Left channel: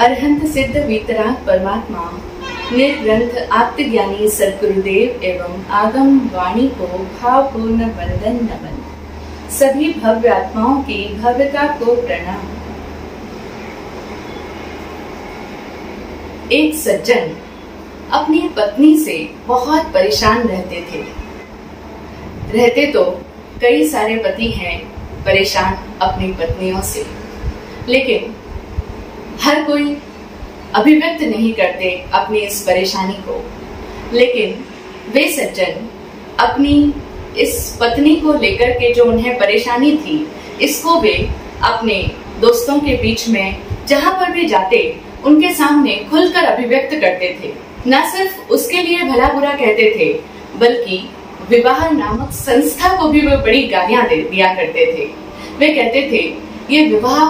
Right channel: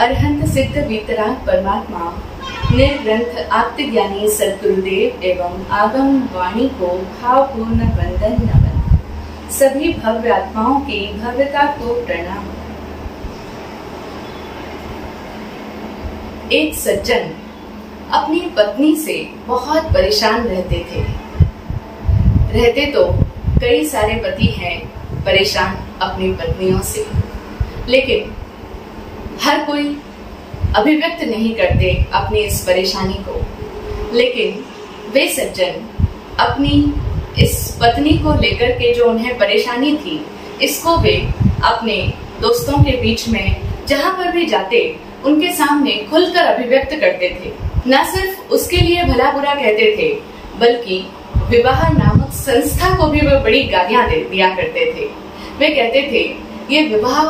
अरहंत सिद्ध वीतराग परमात्मा निर्ग्रंथ आत्मज्ञानी सद्गुरुदेव एवं आगम वाणी को भावपूर्ण वंदन नमन। सभी भव्य आत्माओं की भव्यता को प्रणाम। एक सज्जन अपनी पत्नी से बहुत परेशान रहते तो कई सारे पति हैं परेशान अपनी पत्नियों से, लेकिन हर कोई अभिव्यक्त नहीं करते अपनी इस परेशानी को। लेकिन वे सज्जन अपनी इस पत्नी को लेकर के जो उन्हें परेशानी थी, इसको वे अपने दोस्तों के बीच में जहां पर भी जाते उनके सामने खुलकर अभिव्यक्त करते थे। न सिर्फ उसके लिए भला बुरा कहते थे, बल्कि विवाह नामक संस्था को भी वे बड़ी गालियां दिया करते थे। वे कहते थे ये विवाह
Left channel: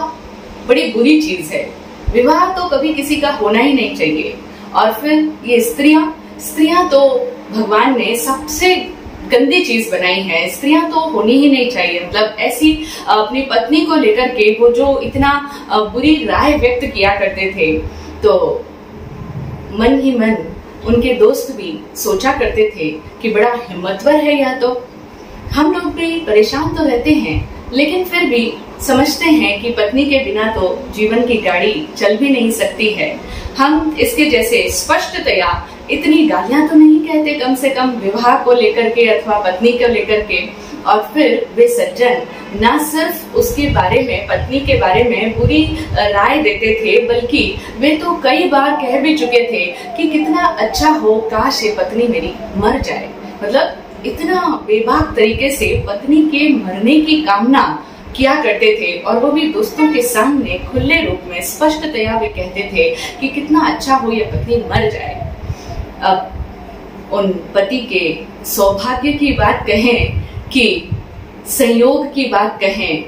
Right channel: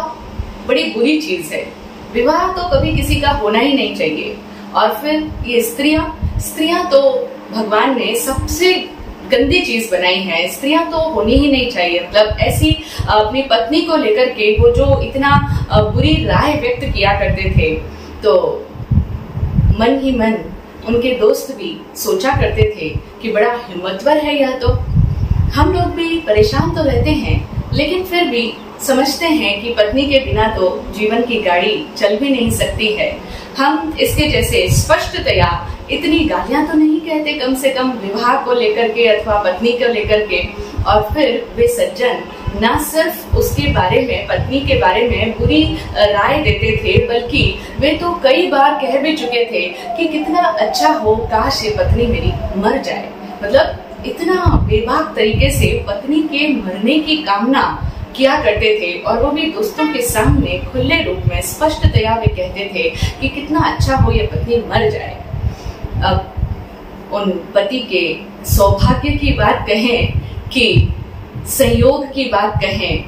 बड़ी बुरी चीज है, विवाह तो कभी किसी का होना ही नहीं चाहिए। और फिर ये स्त्रियां तो भगवान ने सबसे गंदी चीज बनाई है, स्त्रियां तो होनी ही नहीं चाहिए। मतलब ऐसी अपनी पत्नी को लेकर के वो जो इतना बुरी राय व्यक्त किया करते थे, तो मन ही मन उनके दोस्त भी सोचा करते थे कि बड़ा हिम्मतवर है यह तो। हम लोग भी परेशान तो रहते हैं, लेकिन फिर भी समझते हैं कि पत्नी के बिना तो जीवन की गाड़ी चल भी नहीं सकती है। हम इसके जैसे स्पष्टतया इतनी गालियां तो नहीं कहते, कम से कम विवाह को लेकर के अथवा पत्नी को लेकर के। और फिर वे सज्जन न सिर्फ उसके बारे में, पत्नी के बारे में बुरी राय देते थे, बल्कि वे तो कई बार कह भी चुके थे कि कितना अच्छा हो, काश ये पत्नी मेरी मर जाए। मतलब इतना बेबाक तरीके से पत्नी के मरने की कामना किया करते थे, और वो भी दोस्तों के सामने खुले रूप में स्पष्टतया वे कहते थे कि कितना अच्छा हो ये पत्नी मर जाए। अब उन पति के सौभाग्य की बात कहें कि संयोग की बात कहें,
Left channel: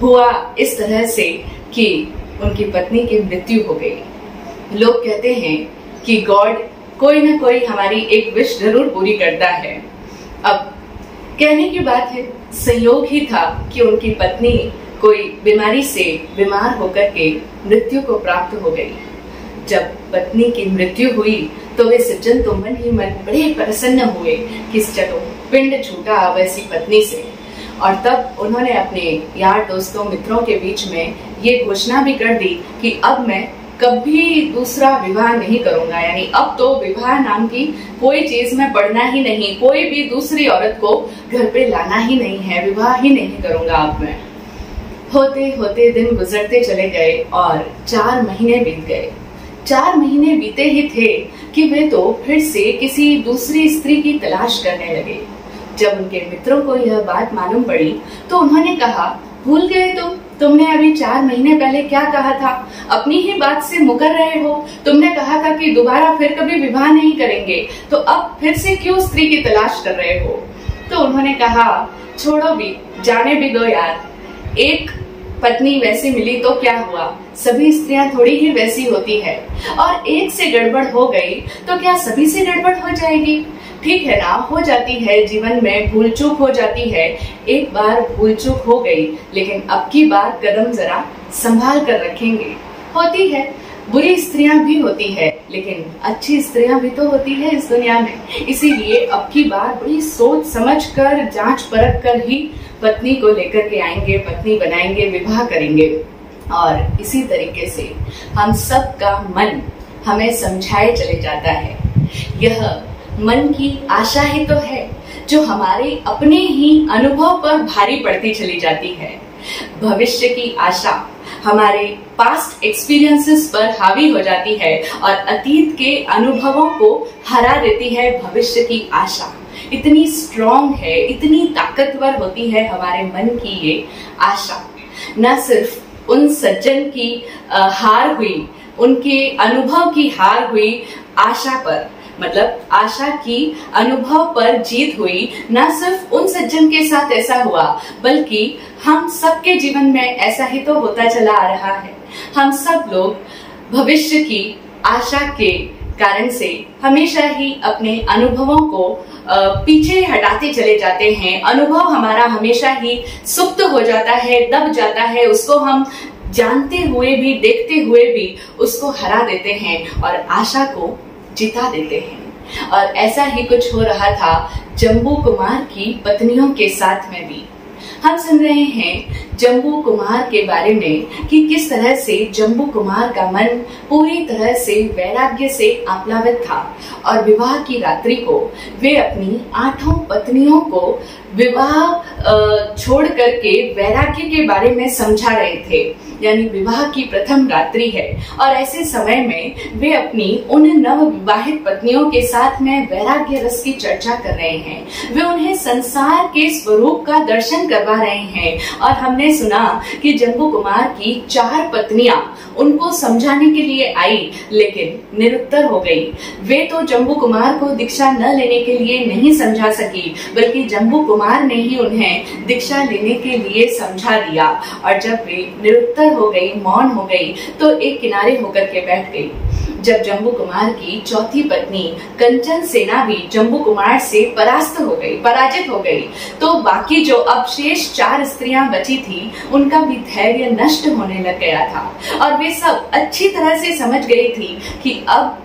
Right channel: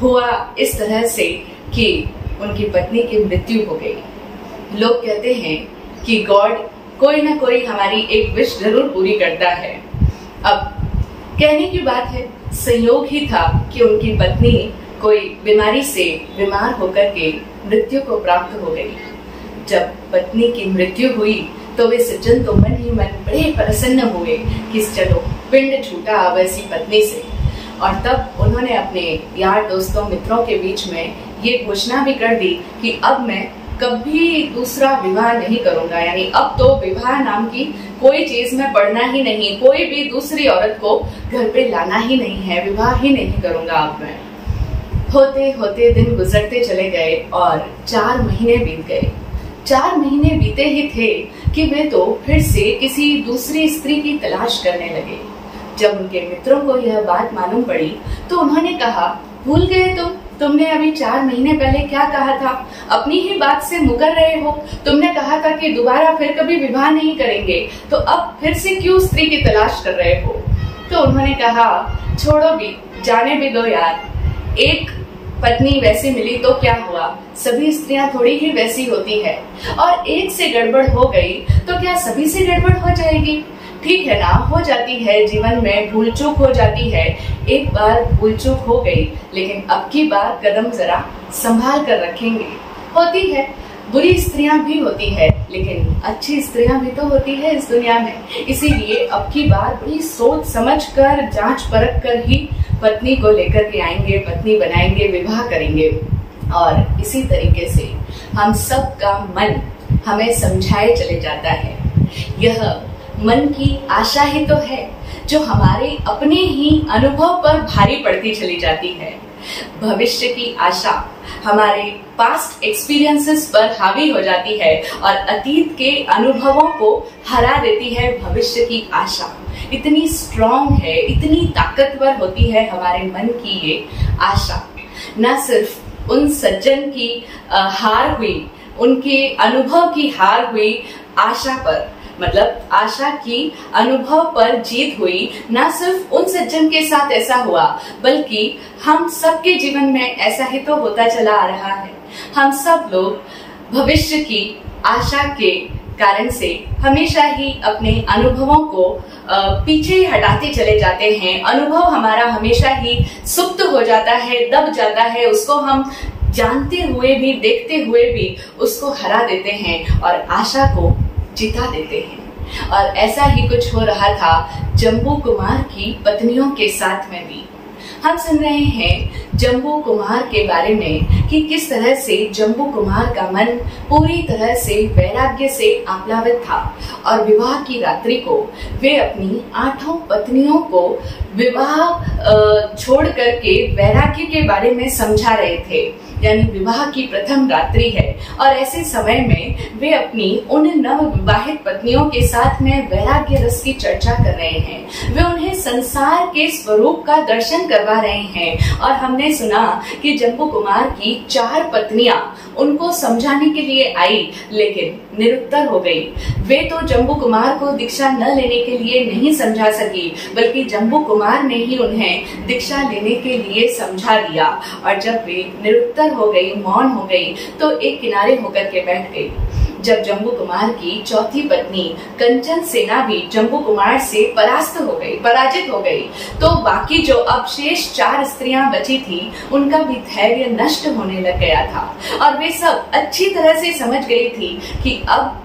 हुआ इस तरह से कि उनकी पत्नी की मृत्यु हो गई। लोग कहते हैं कि गॉड कोई ना कोई हमारी एक विश जरूर पूरी करता है। अब कहने की बात है, संयोग ही था कि उनकी पत्नी कोई बीमारी से बीमार होकर के मृत्यु को प्राप्त हो गई। जब पत्नी की मृत्यु हुई तो वे सज्जन तो मन ही मन बड़े प्रसन्न हुए कि चलो पिंड छूटा अब ऐसी पत्नी से। और तब उन्होंने अपने यार दोस्तों मित्रों के बीच में ये घोषणा भी कर दी कि अब मैं कभी दूसरा विवाह नहीं करूंगा, यानी अब तो विवाह नाम की कोई चीज में पढ़ना ही नहीं, कोई भी दूसरी औरत को घर पे लाना ही नहीं है, विवाह ही नहीं करूंगा अब मैं। होते होते दिन गुजरते चले गए और 4 महीने बीत गए। 4 महीने बीते ही थे कि वे तो फिर से किसी दूसरी स्त्री की तलाश करने लगे। जब उनके मित्रों को यह बात मालूम पड़ी तो उन्होंने कहा, भूल गए तुमने अभी 4 महीने पहले क्या कहा था, अपनी ही बात से मुकर रहे हो। तुमने कहा था कि दोबारा फिर कभी विवाह नहीं करेंगे, तो अब फिर से क्यों स्त्री की तलाश कर रहे हो। तो उन्होंने कहा, छोड़ो भी, जाने भी दो यार, एक पत्नी वैसी मिली तो क्या हुआ, सभी स्त्रियां थोड़ी ही वैसी होती है, और एक से गड़बड़ हो गई तो क्या सभी से गड़बड़ हो जाएगी। ठीक है ना, हो जाती है, जीवन में भूल चूक हो जाती है। एक बार भूल चूक हो गई, लेकिन अब की बार कदम जरा संभाल कर रखेंगे। होती है, बुरी स्त्रियां भी होती है, लेकिन अच्छी स्त्रियां भी तो होती है इस दुनिया में। इसीलिए अब की बार बड़ी सोच समझ कर, जांच परख कर ही पत्नी को लेकर के आएंगे, पत्नी बनाएंगे, विवाह करेंगे। और इसी तरीके से हम सब का मन हमें समझाए चले जाता है। यह मन की आशा ही तो है जो हमारे अपने ही अनुभव पर भारी पड़ती चली जाती है। भविष्य की आशा हमारे पास्ट एक्सपीरियंसेस पर हावी हो जाती है और अतीत के अनुभवों को हरा देती है भविष्य की आशा। इतनी स्ट्रॉन्ग है, इतनी ताकतवर होती है हमारे मन की ये आशा। न सिर्फ उन सज्जन की हार हुई, उनके अनुभव की हार हुई आशा पर, मतलब आशा की अनुभव पर जीत हुई। न सिर्फ उन सज्जन के साथ ऐसा हुआ, बल्कि हम सबके जीवन में ऐसा ही तो होता चला आ रहा है। हम सब लोग भविष्य की आशा के कारण से हमेशा ही अपने अनुभवों को पीछे हटाते चले जाते हैं। अनुभव हमारा हमेशा ही सुप्त हो जाता है, दब जाता है, उसको हम जानते हुए भी, देखते हुए भी उसको हरा देते हैं और आशा को जिता देते हैं। और ऐसा ही कुछ हो रहा था जम्बू कुमार की पत्नियों के साथ में भी। हम सुन रहे हैं जम्बू कुमार के बारे में कि किस तरह से जम्बू कुमार का मन पूरी तरह से वैराग्य से आप्लावित था और विवाह की रात्रि को वे अपनी 8 पत्नियों को विवाह छोड़ करके वैराग्य के बारे में समझा रहे थे। यानी विवाह की प्रथम रात्रि है और ऐसे समय में वे अपनी उन नव विवाहित पत्नियों के साथ में वैराग्य रस की चर्चा कर रहे हैं। वे उन्हें संसार के स्वरूप का दर्शन करवा रहे हैं। और हमने सुना कि जम्बू कुमार की 4 पत्नियां उनको समझाने के लिए आई, लेकिन निरुत्तर हो गई। वे तो जम्बू कुमार को दीक्षा न लेने के लिए नहीं समझा सकी, बल्कि जम्बू कुमार ने ही उन्हें दीक्षा लेने के लिए समझा दिया। और जब वे निरुत्तर हो गई, मौन हो गई, तो एक किनारे होकर के बैठ गई। जब जम्बू कुमार की चौथी पत्नी कंचन सेना भी जम्बू कुमार से पराजित हो गई, तो बाकी जो अब शेष 4 स्त्रियां बची थी, उनका भी धैर्य नष्ट होने लग गया था। और वे सब अच्छी तरह से समझ गई थी कि अब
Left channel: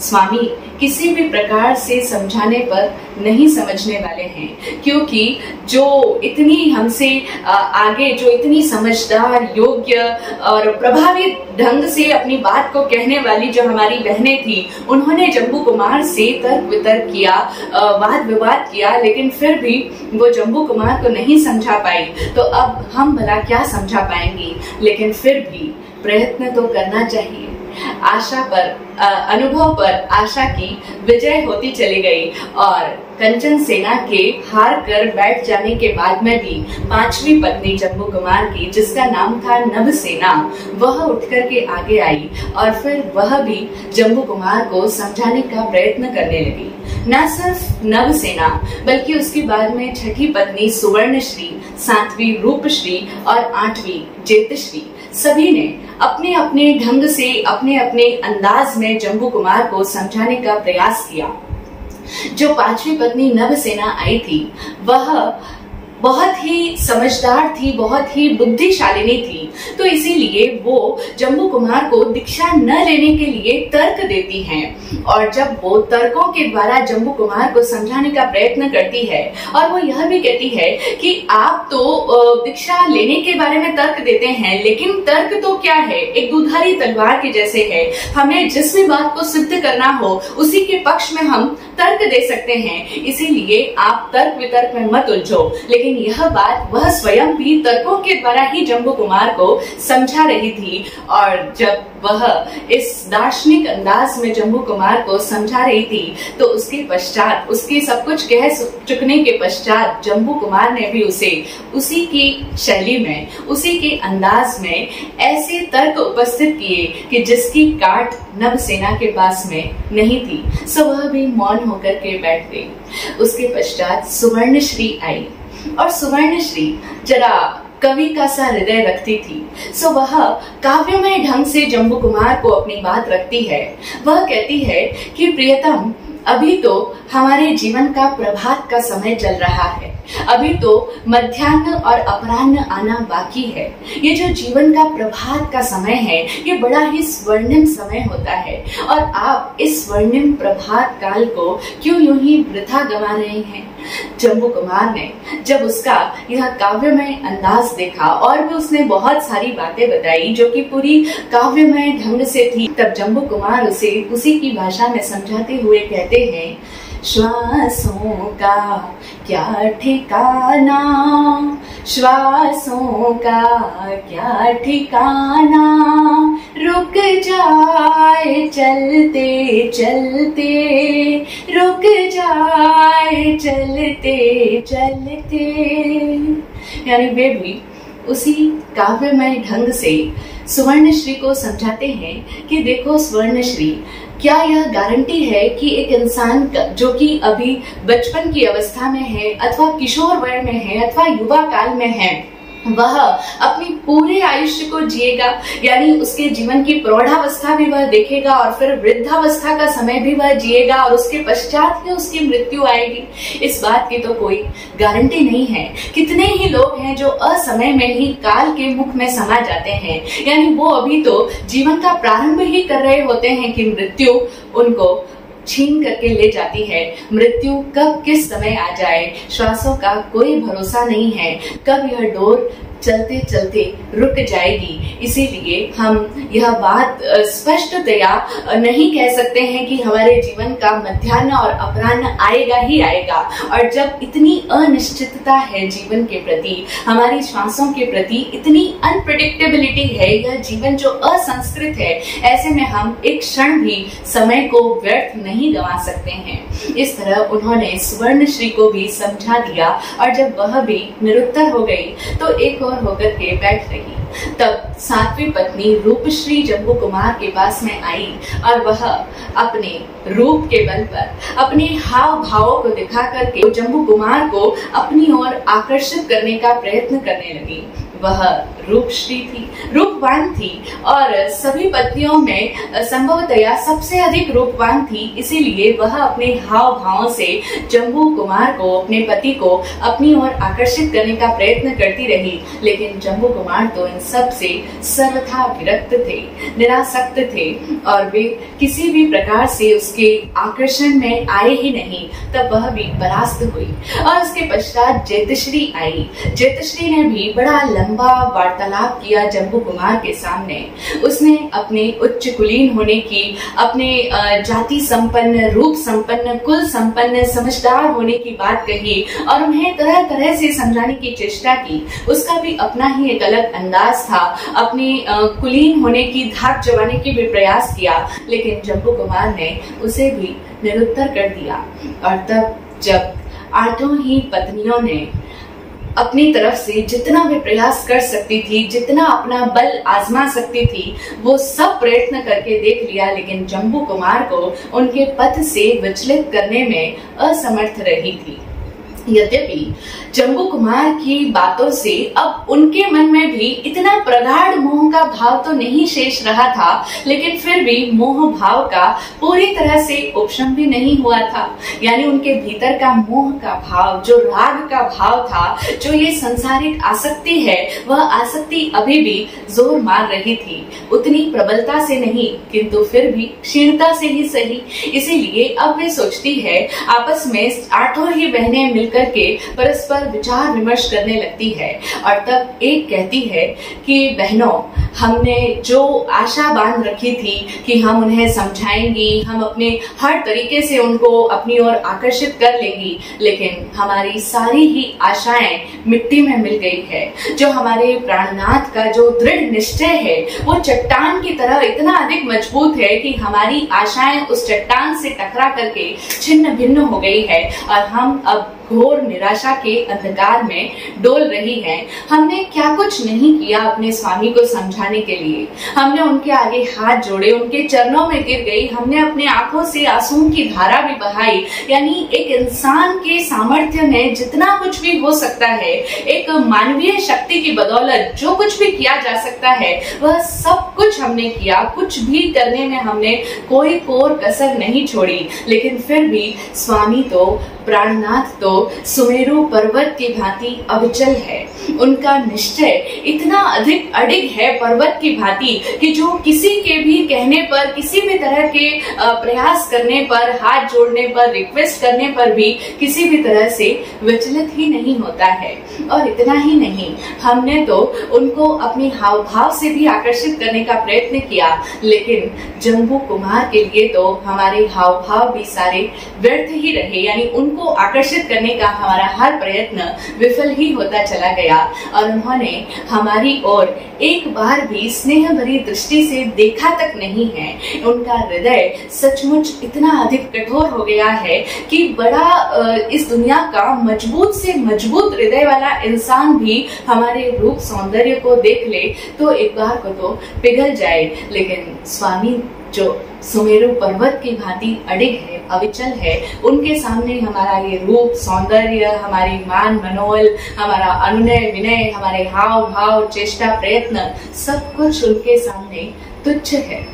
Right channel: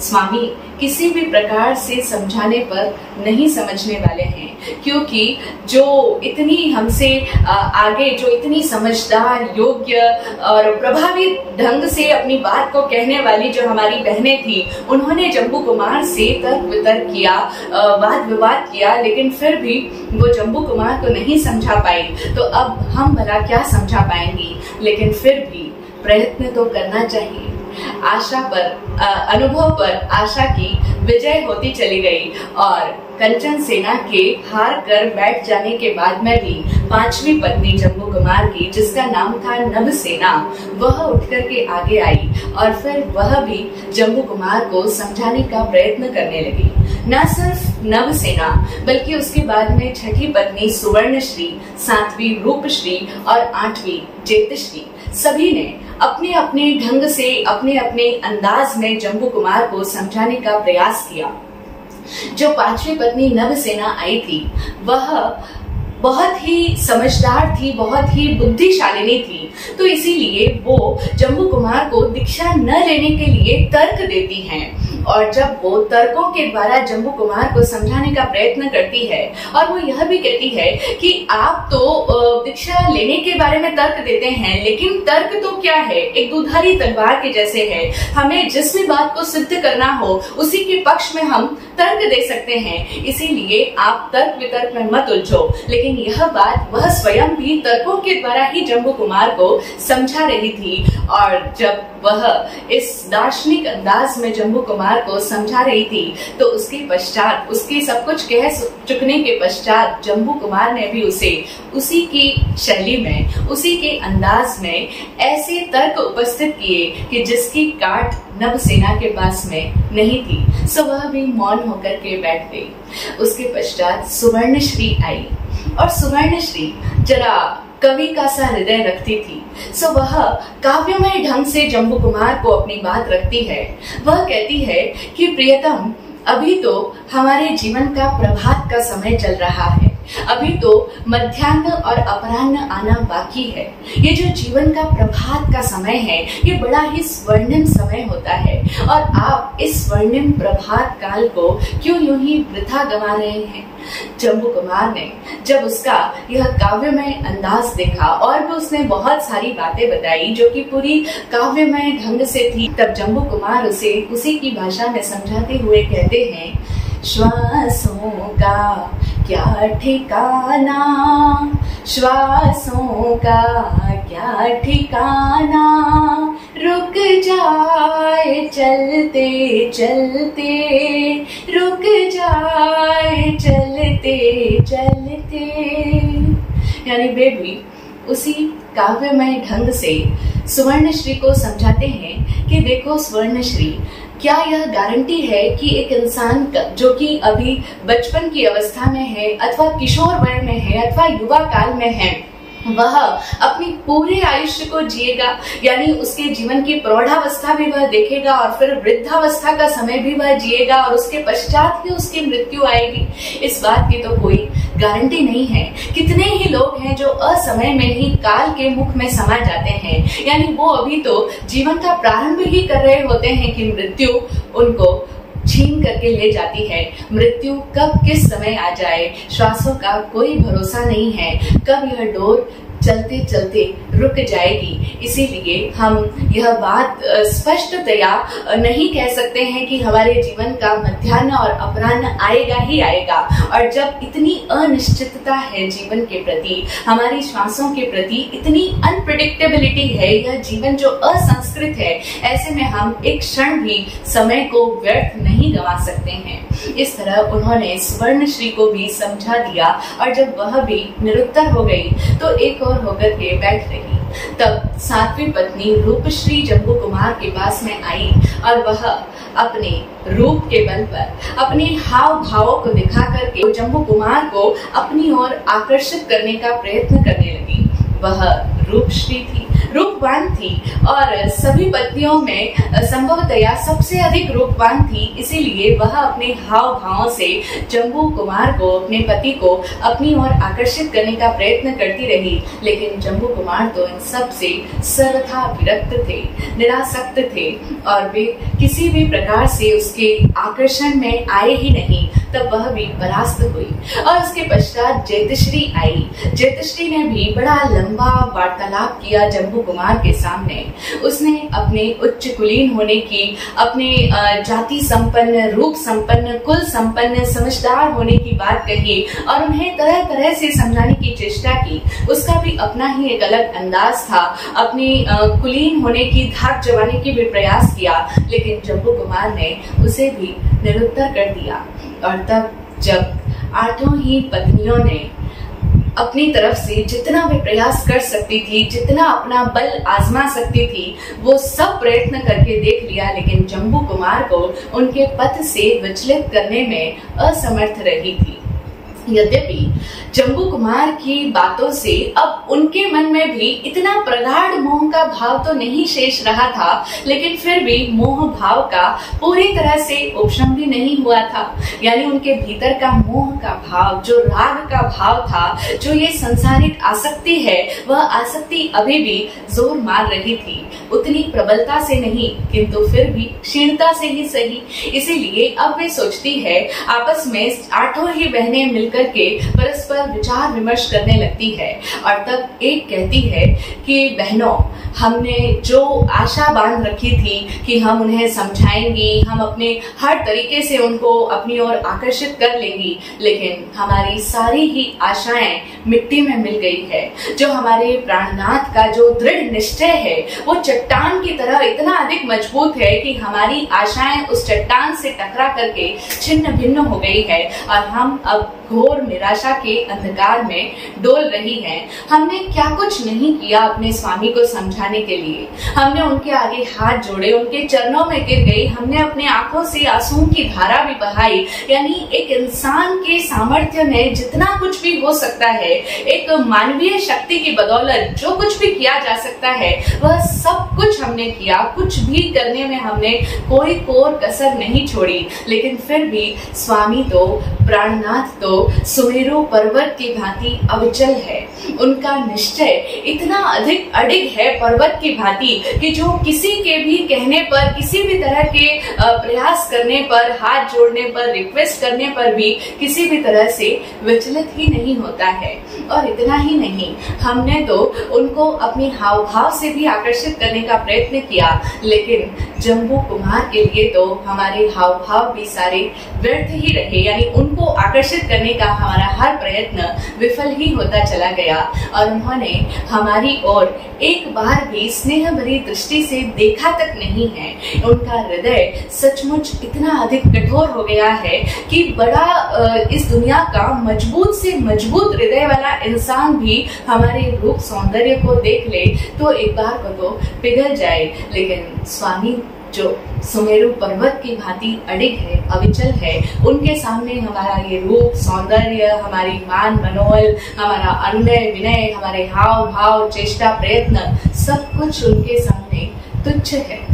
स्वामी किसी भी प्रकार से समझाने पर नहीं समझने वाले हैं, क्योंकि जो इतनी हमसे आगे, जो इतनी समझदार, योग्य और प्रभावी ढंग से अपनी बात को कहने वाली जो हमारी बहनें थी, उन्होंने जम्बू कुमार से तर्क वितर्क किया, वाद विवाद किया, लेकिन फिर भी वो जम्बू कुमार को नहीं समझा पाई। तो अब हम भला क्या समझा पाएंगी, लेकिन फिर भी प्रयत्न तो करना चाहिए। आशा पर, अनुभव पर आशा की विजय होती चली गई और कंचन सेना के हार कर बैठ जाने के बाद में भी 5वीं पत्नी जम्बू कुमार की, जिसका नाम था नभसेना, वह उठकर के आगे आई और फिर वह भी जम्बू कुमार को समझाने का प्रयत्न करने लगी। न सिर्फ नभसेना, बल्कि उसके बाद में 6ठी पत्नी सुवर्णश्री, 7वीं रूपश्री और 8वीं जेतश्री, सभी ने अपने अपने ढंग से, अपने अपने अंदाज में जम्बू कुमार को समझाने का प्रयास किया। जो 5वीं पत्नी नभसेना आई थी, वह बहुत ही समझदार थी, बहुत ही बुद्धिशालिनी थी, तो इसीलिए वो जम्बू कुमार को दीक्षा न लेने के लिए तर्क देती हैं। और जब वो तर्कों के द्वारा जम्बू कुमार को समझाने का प्रयत्न करती है और वो यह भी कहती है कि आप तो दीक्षा लेने के बारे में तर्क देते हैं, लेकिन तर्क तो क्या है, एक दुधारी तलवार के जैसे है। हमें जिस भी बात को सिद्ध करना हो उसी के पक्ष में हम तर्क दे सकते हैं, इसीलिए आप तर्क वितर्क में मत उलझो। लेकिन यह बात वह स्वयं भी तर्कों के द्वारा ही जम्बू कुमार को समझा रही थी। और जब वह इस दार्शनिक अंदाज में जम्बू कुमार को समझा रही थी, तो उसके पश्चात, उसके सब कुछ कह चुकने के पश्चात, जम्बू कुमार ने भी उसे उसी की शैली में, उसी के अंदाज में ऐसे तर्क उपस्थित किए कि जिसकी काट नभसेना के पास में नहीं थी। सो वह भी मौन होकर के बैठ गई। उसके पश्चात सुवर्णश्री आई और सुवर्णश्री जरा कवि का सा हृदय रखती थी। सो वह काव्यमय ढंग से जम्बू कुमार को अपनी बात रखती है। वह कहती है कि प्रियतम, अभी तो हमारे जीवन का प्रभात का समय चल रहा है, अभी तो मध्याह्न और अपराह्न आना बाकी है। ये जो जीवन का प्रभात का समय है, ये बड़ा ही स्वर्णिम समय होता है और आप इस स्वर्णिम प्रभात काल को क्यों यूं ही वृथा गंवा रहे हैं। जम्बू कुमार ने जब उसका यह काव्यमय अंदाज देखा और भी उसने बहुत सारी बातें बताई जो कि पूरी काव्यमय ढंग से थी, तब जम्बू कुमार उसे उसी की भाषा में समझाते हुए कहते हैं, श्वासों का क्या ठिकाना, श्वासों का क्या ठिकाना, रुक जाए चलते चलते, रुक जाए चलते चलते। यानी वे भी उसी काव्यमय ढंग से सुवर्णश्री को समझाते हैं कि देखो सुवर्णश्री, क्या यह गारंटी है कि एक इंसान जो कि अभी बचपन की अवस्था में है, अथवा किशोर वय में है, अथवा युवा काल में है, वह अपनी पूरे आयुष्य को जिएगा, यानी उसके जीवन की प्रौढ़ावस्था भी वह देखेगा और फिर वृद्धावस्था का समय भी वह जिएगा और उसके पश्चात ही उसकी मृत्यु आएगी। इस बात की तो कोई गारंटी नहीं है। कितने ही लोग हैं जो असमय में ही काल के मुख में समा जाते हैं, यानी वो अभी तो जीवन का प्रारंभ ही कर रहे होते हैं कि मृत्यु उनको छीन करके ले जाती है। मृत्यु कब किस समय आ जाए, श्वासों का कोई भरोसा नहीं है, कब यह डोर चलते चलते रुक जाएगी। इसीलिए हम यह बात स्पष्टतया नहीं कह सकते हैं कि हमारे जीवन का मध्याह्न और अपराह्न आएगा ही आएगा। और जब इतनी अनिश्चितता है जीवन के प्रति, हमारी श्वासों के प्रति इतनी अनप्रेडिक्टेबिलिटी है, यह जीवन जो असंस्कृत है, ऐसे में हम एक क्षण भी समय को व्यर्थ नहीं गंवा सकते हैं। इस तरह उन्होंने सुवर्णश्री को भी समझा दिया और जब वह भी निरुत्तर हो गई तो एक और होकर के बैठ रही। तब सातवीं पत्नी रूपश्री जम्बू कुमार के पास में आई और वह अपने रूप के बल पर, अपने हाव भावों को दिखा करके जम्बू कुमार को अपनी ओर आकर्षित करने का प्रयत्न करने लगी। वह रूपश्री थी, रूपवान थी और सभी पत्नियों में संभवतया सबसे अधिक रूपवान थी। इसीलिए वह अपने हाव भावों से जम्बू कुमार को, अपने पति को अपनी ओर आकर्षित करने का प्रयत्न करती रही। लेकिन जम्बू कुमार तो इन सब से सर्वथा विरक्त थे, निरासक्त थे और वे किसी भी प्रकार से उसके आकर्षण में आए ही नहीं। तब वह भी परास्त हुई और उसके पश्चात जैतश्री आई। जैतश्री ने भी बड़ा लंबा वार्तालाप किया जम्बू कुमार के सामने। उसने अपने उच्च कुलीन होने की, अपने जाति संपन्न, रूप संपन्न, कुल संपन्न, समझदार होने की बात कही और उन्हें तरह तरह से समझाने की चेष्टा की। उसका भी अपना ही एक अलग अंदाज था, अपनी कुलीन होने की धाक जमाने की भी प्रयास किया, लेकिन जम्बू कुमार ने उसे भी निरुत्तर कर दिया। और तब जब आठों ही पत्नियों ने अपनी तरफ से जितना भी प्रयास कर सकती थी, जितना अपना बल आजमा सकती थी, वो सब प्रयत्न करके देख लिया, लेकिन जम्बू कुमार को उनके पथ से विचलित करने में असमर्थ रही थी। यद्यपि जम्बू कुमार की बातों से अब उनके मन में भी इतना प्रगाढ़ मोह का भाव तो नहीं शेष रहा था, लेकिन फिर भी मोह भाव का पूरी तरह से उपशम भी नहीं हुआ था। यानी उनके भीतर का मोह का भाव, जो राग का भाव था, जो ये संसारिक आसक्ति है, वह आसक्ति अभी भी जोर मार रही थी। उतनी प्रबलता से नहीं, किंतु फिर भी क्षीणता से ही सही। इसीलिए अब वे सोचती है, आपस में आठों ही बहनें मिलकर के परस्पर विचार विमर्श करने लगती है और तब एक कहती है कि बहनों, हमने जो आशा बांध रखी थी कि हम उन्हें समझाएंगी, हम अपने हर तरीके से उनको अपनी ओर आकर्षित कर लेंगी, लेकिन हमारी सारी ही आशाएं मिट्टी में मिल गई है। जो हमारे प्राणनाथ का जो दृढ़ निश्चय है, वो चट्टान की तरह इतना अधिक मजबूत है कि हमारी आशाएं उस चट्टान से टकरा करके छिन्न भिन्न हो गई है और हम अब घोर निराशा के अंधकार में डोल रही हैं। हमने क्या कुछ नहीं किया अपने स्वामी को समझाने के लिए। हमने उनके आगे हाथ जोड़े, उनके चरणों में गिर गई, हमने अपने आंखों से आंसुओं की धारा भी बहाई। यानी एक इंसान के सामर्थ्य में जितना कुछ भी हो सकता है, एक मानवीय शक्ति की बदौलत जो कुछ भी किया जा सकता है, वह सब कुछ हमने किया। कुछ भी करने में हमने कोई कोर कसर नहीं छोड़ी। लेकिन फिर भी स्वामी तो, प्राणनाथ तो सुमेरु पर्वत की भांति अविचल है। उनका निश्चय इतना अधिक अडिग है पर्वत की भांति कि जो किसी के भी कहने पर, किसी भी तरह के प्रयास करने पर, हाथ जोड़ने पर, रिक्वेस्ट करने पर भी किसी भी तरह से विचलित ही नहीं होता है। और इतना ही नहीं, हमने तो उनको अपनी हाव भाव से भी आकर्षित करने का प्रयत्न किया, लेकिन जम्बू कुमार के लिए तो हमारे हाव भाव भी सारे व्यर्थ ही रहे। यानी उनको आकर्षित करने का हमारा हर प्रयत्न विफल ही होता चला गया और उन्होंने हमारी ओर एक बार भी स्नेह भरी दृष्टि से देखा तक नहीं है, उनका हृदय सचमुच इतना अधिक कठोर हो गया है कि बड़ा इस दुनिया का मजबूत से मजबूत हृदय वाला इंसान भी हमारे रूप सौंदर्य को देख ले तो एक बार को तो पिघल जाए, लेकिन स्वामी जो सुमेरु पर्वत की भांति अडिग है, अविचल है, उनके सामने हमारा ये रूप सौंदर्य, हमारी मान मनोबल, हमारा अनुनय विनय, हमारे हाव भाव चेष्टा प्रयत्न सब कुछ उनके सामने तुच्छ है।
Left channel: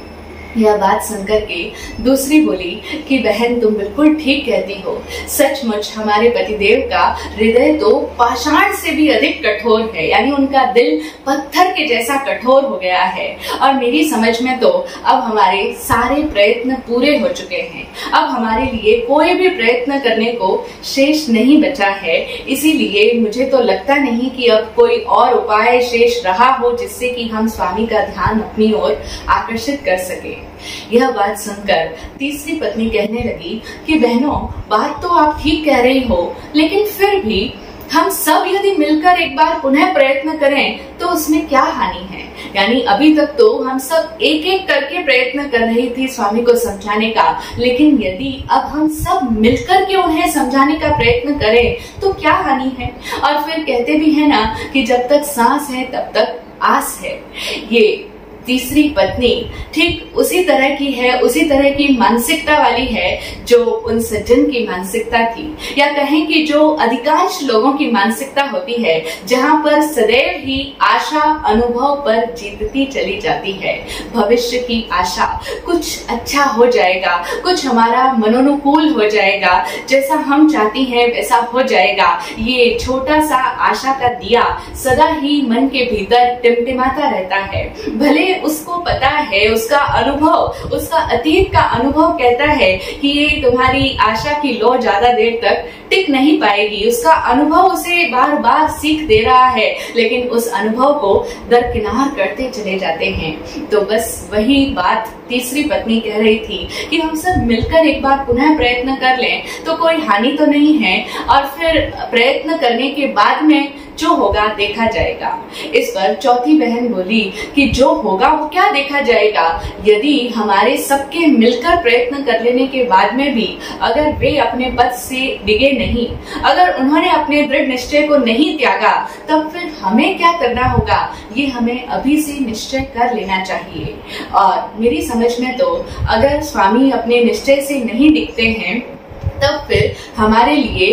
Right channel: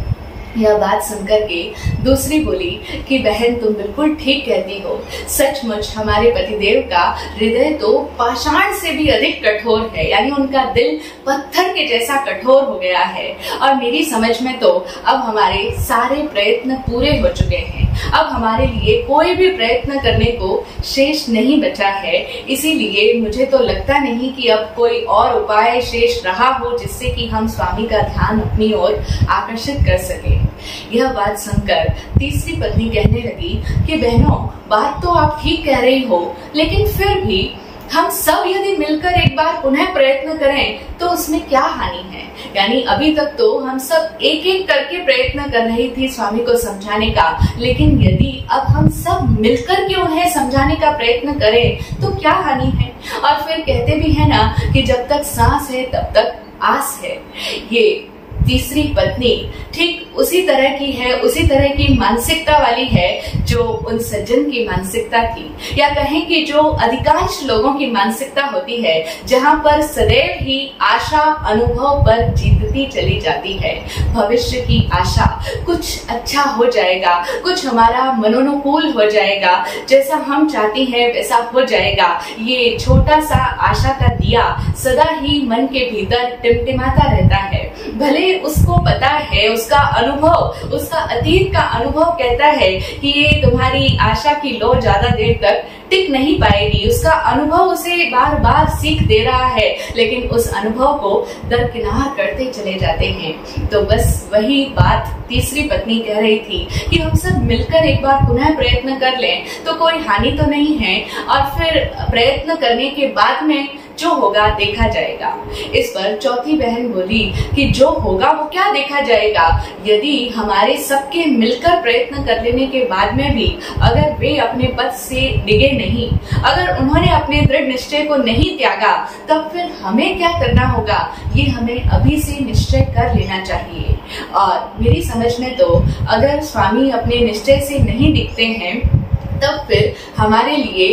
यह बात सुनकर के दूसरी बोली कि बहन तुम बिल्कुल ठीक कहती हो, सचमुच हमारे पतिदेव का हृदय तो पाषाण से भी अधिक कठोर है, यानी उनका दिल पत्थर के जैसा कठोर हो गया है। और मेरी समझ में तो अब हमारे सारे प्रयत्न पूरे हो चुके हैं, अब हमारे लिए कोई भी प्रयत्न करने को शेष नहीं बचा है। इसीलिए मुझे तो लगता नहीं कि अब कोई और उपाय शेष रहा हो जिससे कि हम स्वामी का ध्यान अपनी ओर आकर्षित कर सके। यह बात सुनकर तीसरी पत्नी कहने लगी कि बहनों, बात तो आप ठीक कह रही हो, लेकिन फिर भी हम सब यदि मिलकर एक बार पुनः प्रयत्न करें तो उसमें क्या हानि है। यानी अभी तक तो हम सब एक एक करके प्रयत्न कर रही थी स्वामी को समझाने का, लेकिन यदि अब हम सब मिलकर के उन्हें समझाने का प्रयत्न करें तो क्या हानि है। और फिर कहते भी है ना कि जब तक सांस है तब तक आस है। ये तीसरी पत्नी ठीक उसी तरह की है, उसी तरह की मानसिकता वाली है जो उन सज्जन की मानसिकता थी, या कहें कि जो अधिकांश लोगों की मानसिकता होती है, जहां पर सदैव ही आशा अनुभव पर जीतती चली जाती है। भविष्य की आशा, कुछ अच्छा हो जाएगा, कुछ हमारा मनोनुकूल हो जाएगा, जैसा हम चाहती हैं वैसा हो जाएगा। ये छोटा सा आशा का दिया सदा ही मन के भीतर टिमटिमाता रहता है। भले उसको पता है, उसका अनुभव, उसका अतीत का अनुभव कहता है कि ये तुम्हारी आशा की लौ ज्यादा देर तक टिक नहीं पाएगी, उसका अनुभव उसे बार बार सीख दे रहा है, लेकिन उस अनुभव को दरकिनार करते चले जाते हैं। तो बस वही बात तीसरी पत्नी कह रही थी कि हम सब मिलकर एक बार पुनः प्रयत्न कर लें तो कोई हानि तो नहीं है, और फिर प्रयत्न करने के बाद में जो होगा देखा जाएगा। इस पर चौथी बहन बोली कि जो होगा वो क्या देखा जाएगा, यदि हमारे सबके मिलकर प्रयत्न कर लेने के बाद में भी अगर वे अपने पद से डिगे नहीं, अगर उन्होंने अपने दृढ़ निश्चय को नहीं त्यागा, तब फिर हमें क्या करना होगा, ये हमें अभी से निश्चय कर लेना चाहिए। और मेरी समझ में तो अगर स्वामी अपने निश्चय से नहीं दिखते हैं तब फिर हमारे लिए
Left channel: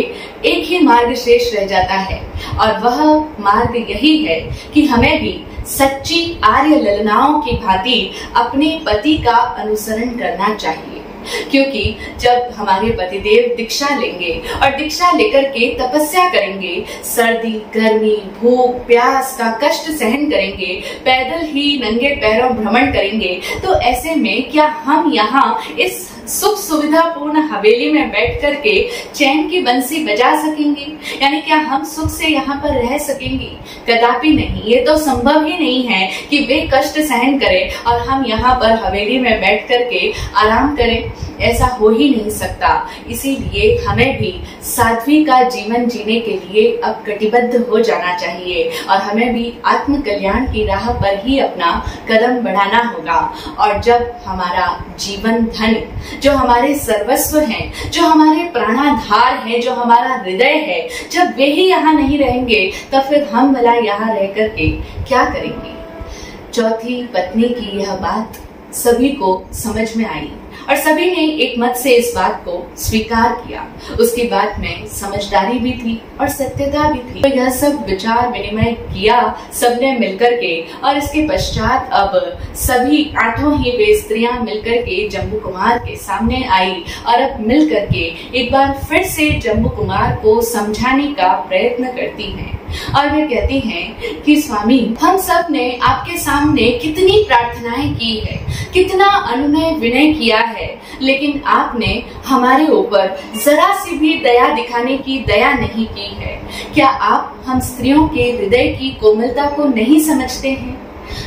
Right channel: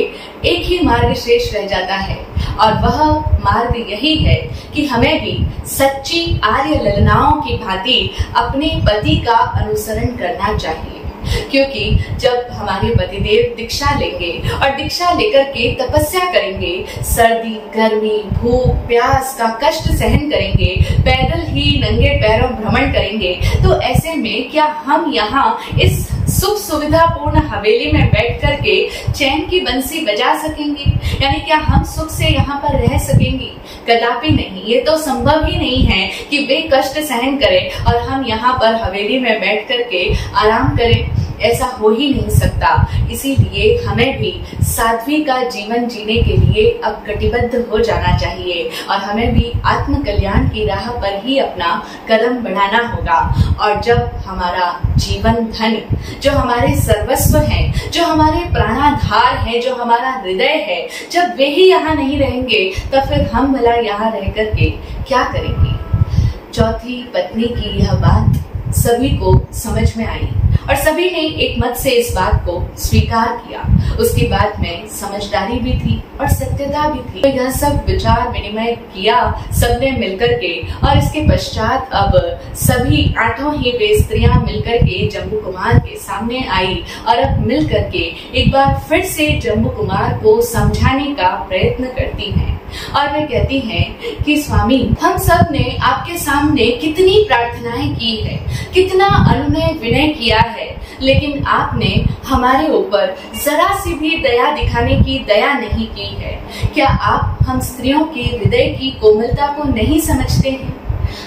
एक ही मार्ग शेष रह जाता है, और वह मार्ग यही है कि हमें भी सच्ची आर्य ललनाओं की भांति अपने पति का अनुसरण करना चाहिए। क्योंकि जब हमारे पतिदेव दीक्षा लेंगे और दीक्षा लेकर के तपस्या करेंगे, सर्दी गर्मी भूख प्यास का कष्ट सहन करेंगे, पैदल ही नंगे पैरों भ्रमण करेंगे, तो ऐसे में क्या हम यहाँ इस सुख सुविधा पूर्ण हवेली में बैठ करके चैन की बंसी बजा सकेंगे? यानी क्या हम सुख से यहाँ पर रह सकेंगे? कदापि नहीं। ये तो संभव ही नहीं है कि वे कष्ट सहन करें और हम यहाँ पर हवेली में बैठ करके आराम करें। ऐसा हो ही नहीं सकता। इसीलिए हमें भी साध्वी का जीवन जीने के लिए अब कटिबद्ध हो जाना चाहिए और हमें भी आत्म कल्याण की राह पर ही अपना कदम बढ़ाना होगा। और जब हमारा जीवन धन, जो हमारे सर्वस्व हैं, जो हमारे प्राणाधार हैं, जो हमारा हृदय है, जब वे ही यहाँ नहीं रहेंगे तब फिर हम भला यहाँ रह करके क्या करेंगे? चौथी पत्नी की यह बात सभी को समझ में आई और सभी ने एक मत से इस बात को स्वीकार किया। उसकी बात में समझदारी भी थी और सत्यता भी थी। तो यह सब विचार विनिमय किया सबने मिलकर के, और इसके पश्चात अब सभी 8 ही वे स्त्रियां मिलकर के जम्बू कुमार के सामने आई और अब मिलकर के एक बार फिर से जम्बू कुमार को समझाने का प्रयत्न करती हैं। और वे कहती हैं कि स्वामी, हम सब ने आपके सामने कितनी प्रार्थनाएं की है, कितना अनुनय विनय किया है, लेकिन आपने हमारे ऊपर जरा सी भी दया दिखाने की दया नहीं की है। क्या आप हम स्त्रियों के हृदय की कोमलता को नहीं समझते हैं?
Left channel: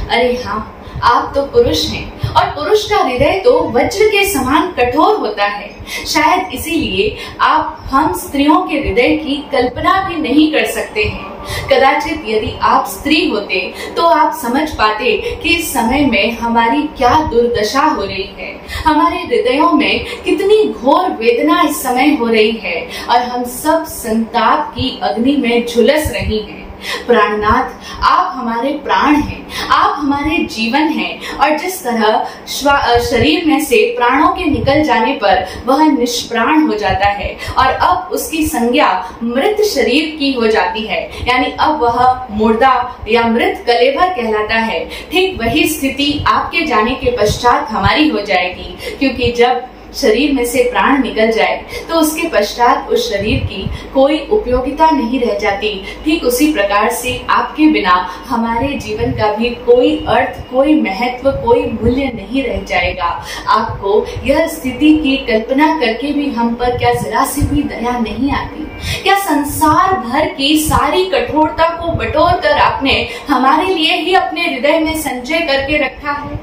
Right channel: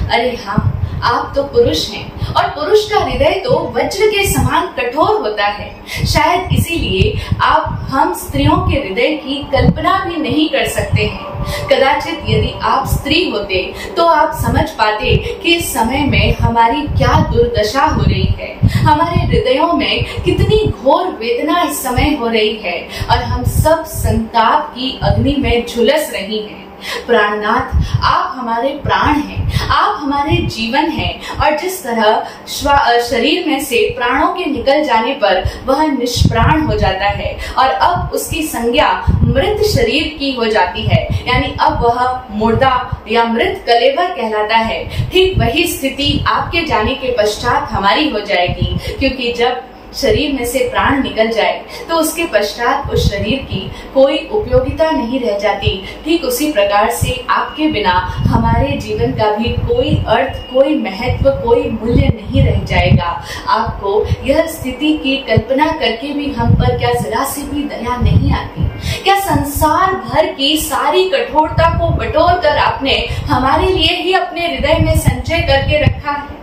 अरे हाँ, आप तो पुरुष हैं और पुरुष का हृदय तो वज्र के समान कठोर होता है। शायद इसीलिए आप हम स्त्रियों के हृदय की कल्पना भी नहीं कर सकते हैं। कदाचित यदि आप स्त्री होते तो आप समझ पाते कि इस समय में हमारी क्या दुर्दशा हो रही है, हमारे हृदयों में कितनी घोर वेदना इस समय हो रही है और हम सब संताप की अग्नि में झुलस रही हैं। प्राणनाथ, आप हमारे प्राण हैं, आप हमारे जीवन हैं और जिस तरह शरीर में से प्राणों के निकल जाने पर वह निष्प्राण हो जाता है और अब उसकी संज्ञा मृत शरीर की हो जाती है, यानी अब वह मुर्दा या मृत कलेवर कहलाता है, ठीक वही स्थिति आपके जाने के पश्चात हमारी हो जाएगी। क्योंकि जब शरीर में से प्राण निकल जाए तो उसके पश्चात उस शरीर की कोई उपयोगिता नहीं रह जाती। ठीक उसी प्रकार से आपके बिना हमारे जीवन का भी कोई अर्थ, कोई महत्व, कोई मूल्य नहीं रह जाएगा। आपको यह स्थिति की कल्पना करके भी हम पर क्या जरा सी भी दया नहीं आती? क्या संसार भर की सारी कठोरता को बटोर कर आपने हमारे लिए ही अपने हृदय में संचय करके रखा है?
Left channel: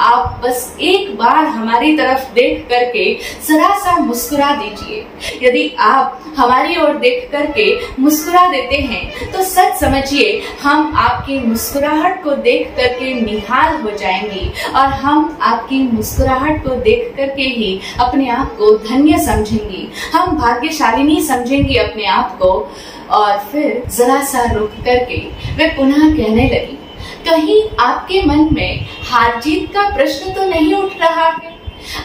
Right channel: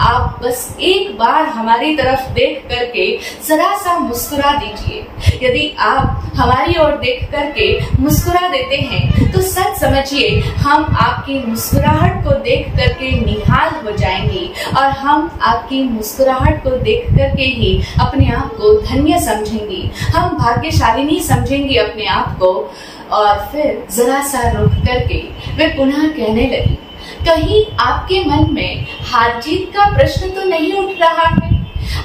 आप बस एक बार हमारी तरफ देख करके जरा सा मुस्कुरा दीजिए। यदि आप हमारी ओर देख करके मुस्कुरा देते हैं तो सच समझिए हम आपकी मुस्कुराहट को देख करके निहाल हो जाएंगे और हम आपकी मुस्कुराहट को देख करके ही अपने आप को धन्य समझेंगे, हम भाग्यशालिनी समझेंगे अपने आप को। और फिर जरा सा रुक करके वे पुनः कहने लगी, कहीं आपके मन में हार जीत का प्रश्न तो नहीं उठ रहा है?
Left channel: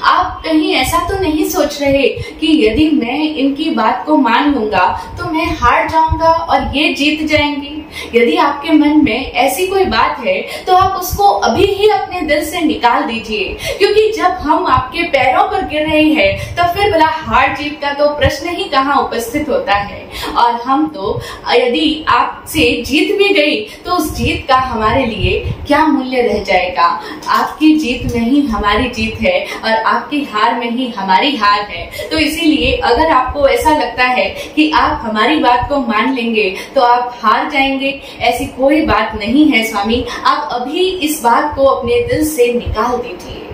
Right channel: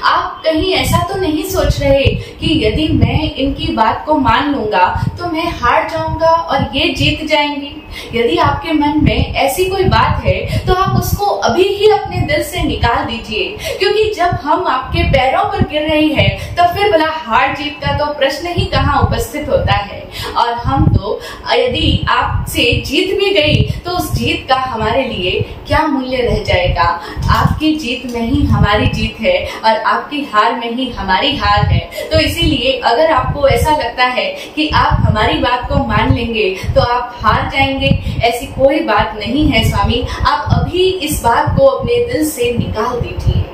आप कहीं ऐसा तो नहीं सोच रहे कि यदि मैं इनकी बात को मान लूंगा तो मैं हार जाऊंगा और ये जीत जाएंगी? यदि आपके मन में ऐसी कोई बात है तो आप उसको अभी ही अपने दिल से निकाल दीजिए, क्योंकि जब हम आपके पैरों पर गिर रहे हैं तो फिर भला हार जीत का तो प्रश्न ही कहाँ उपस्थित होता है। और हम तो यदि आपसे जीत भी गई तो उस जीत का हमारे लिए क्या मूल्य रह जाएगा? आपकी जीत में ही हमारी जीत है और आपकी हार में ही हमारी हार है। तो इसीलिए अगर आपको ऐसा लगता है कि आप हमारी बात को मान लेंगे तो आप हार जाएंगे, ऐसी कोई बात नहीं है स्वामी। आप अभी इस बात को अपने दिल से निकाल दीजिए।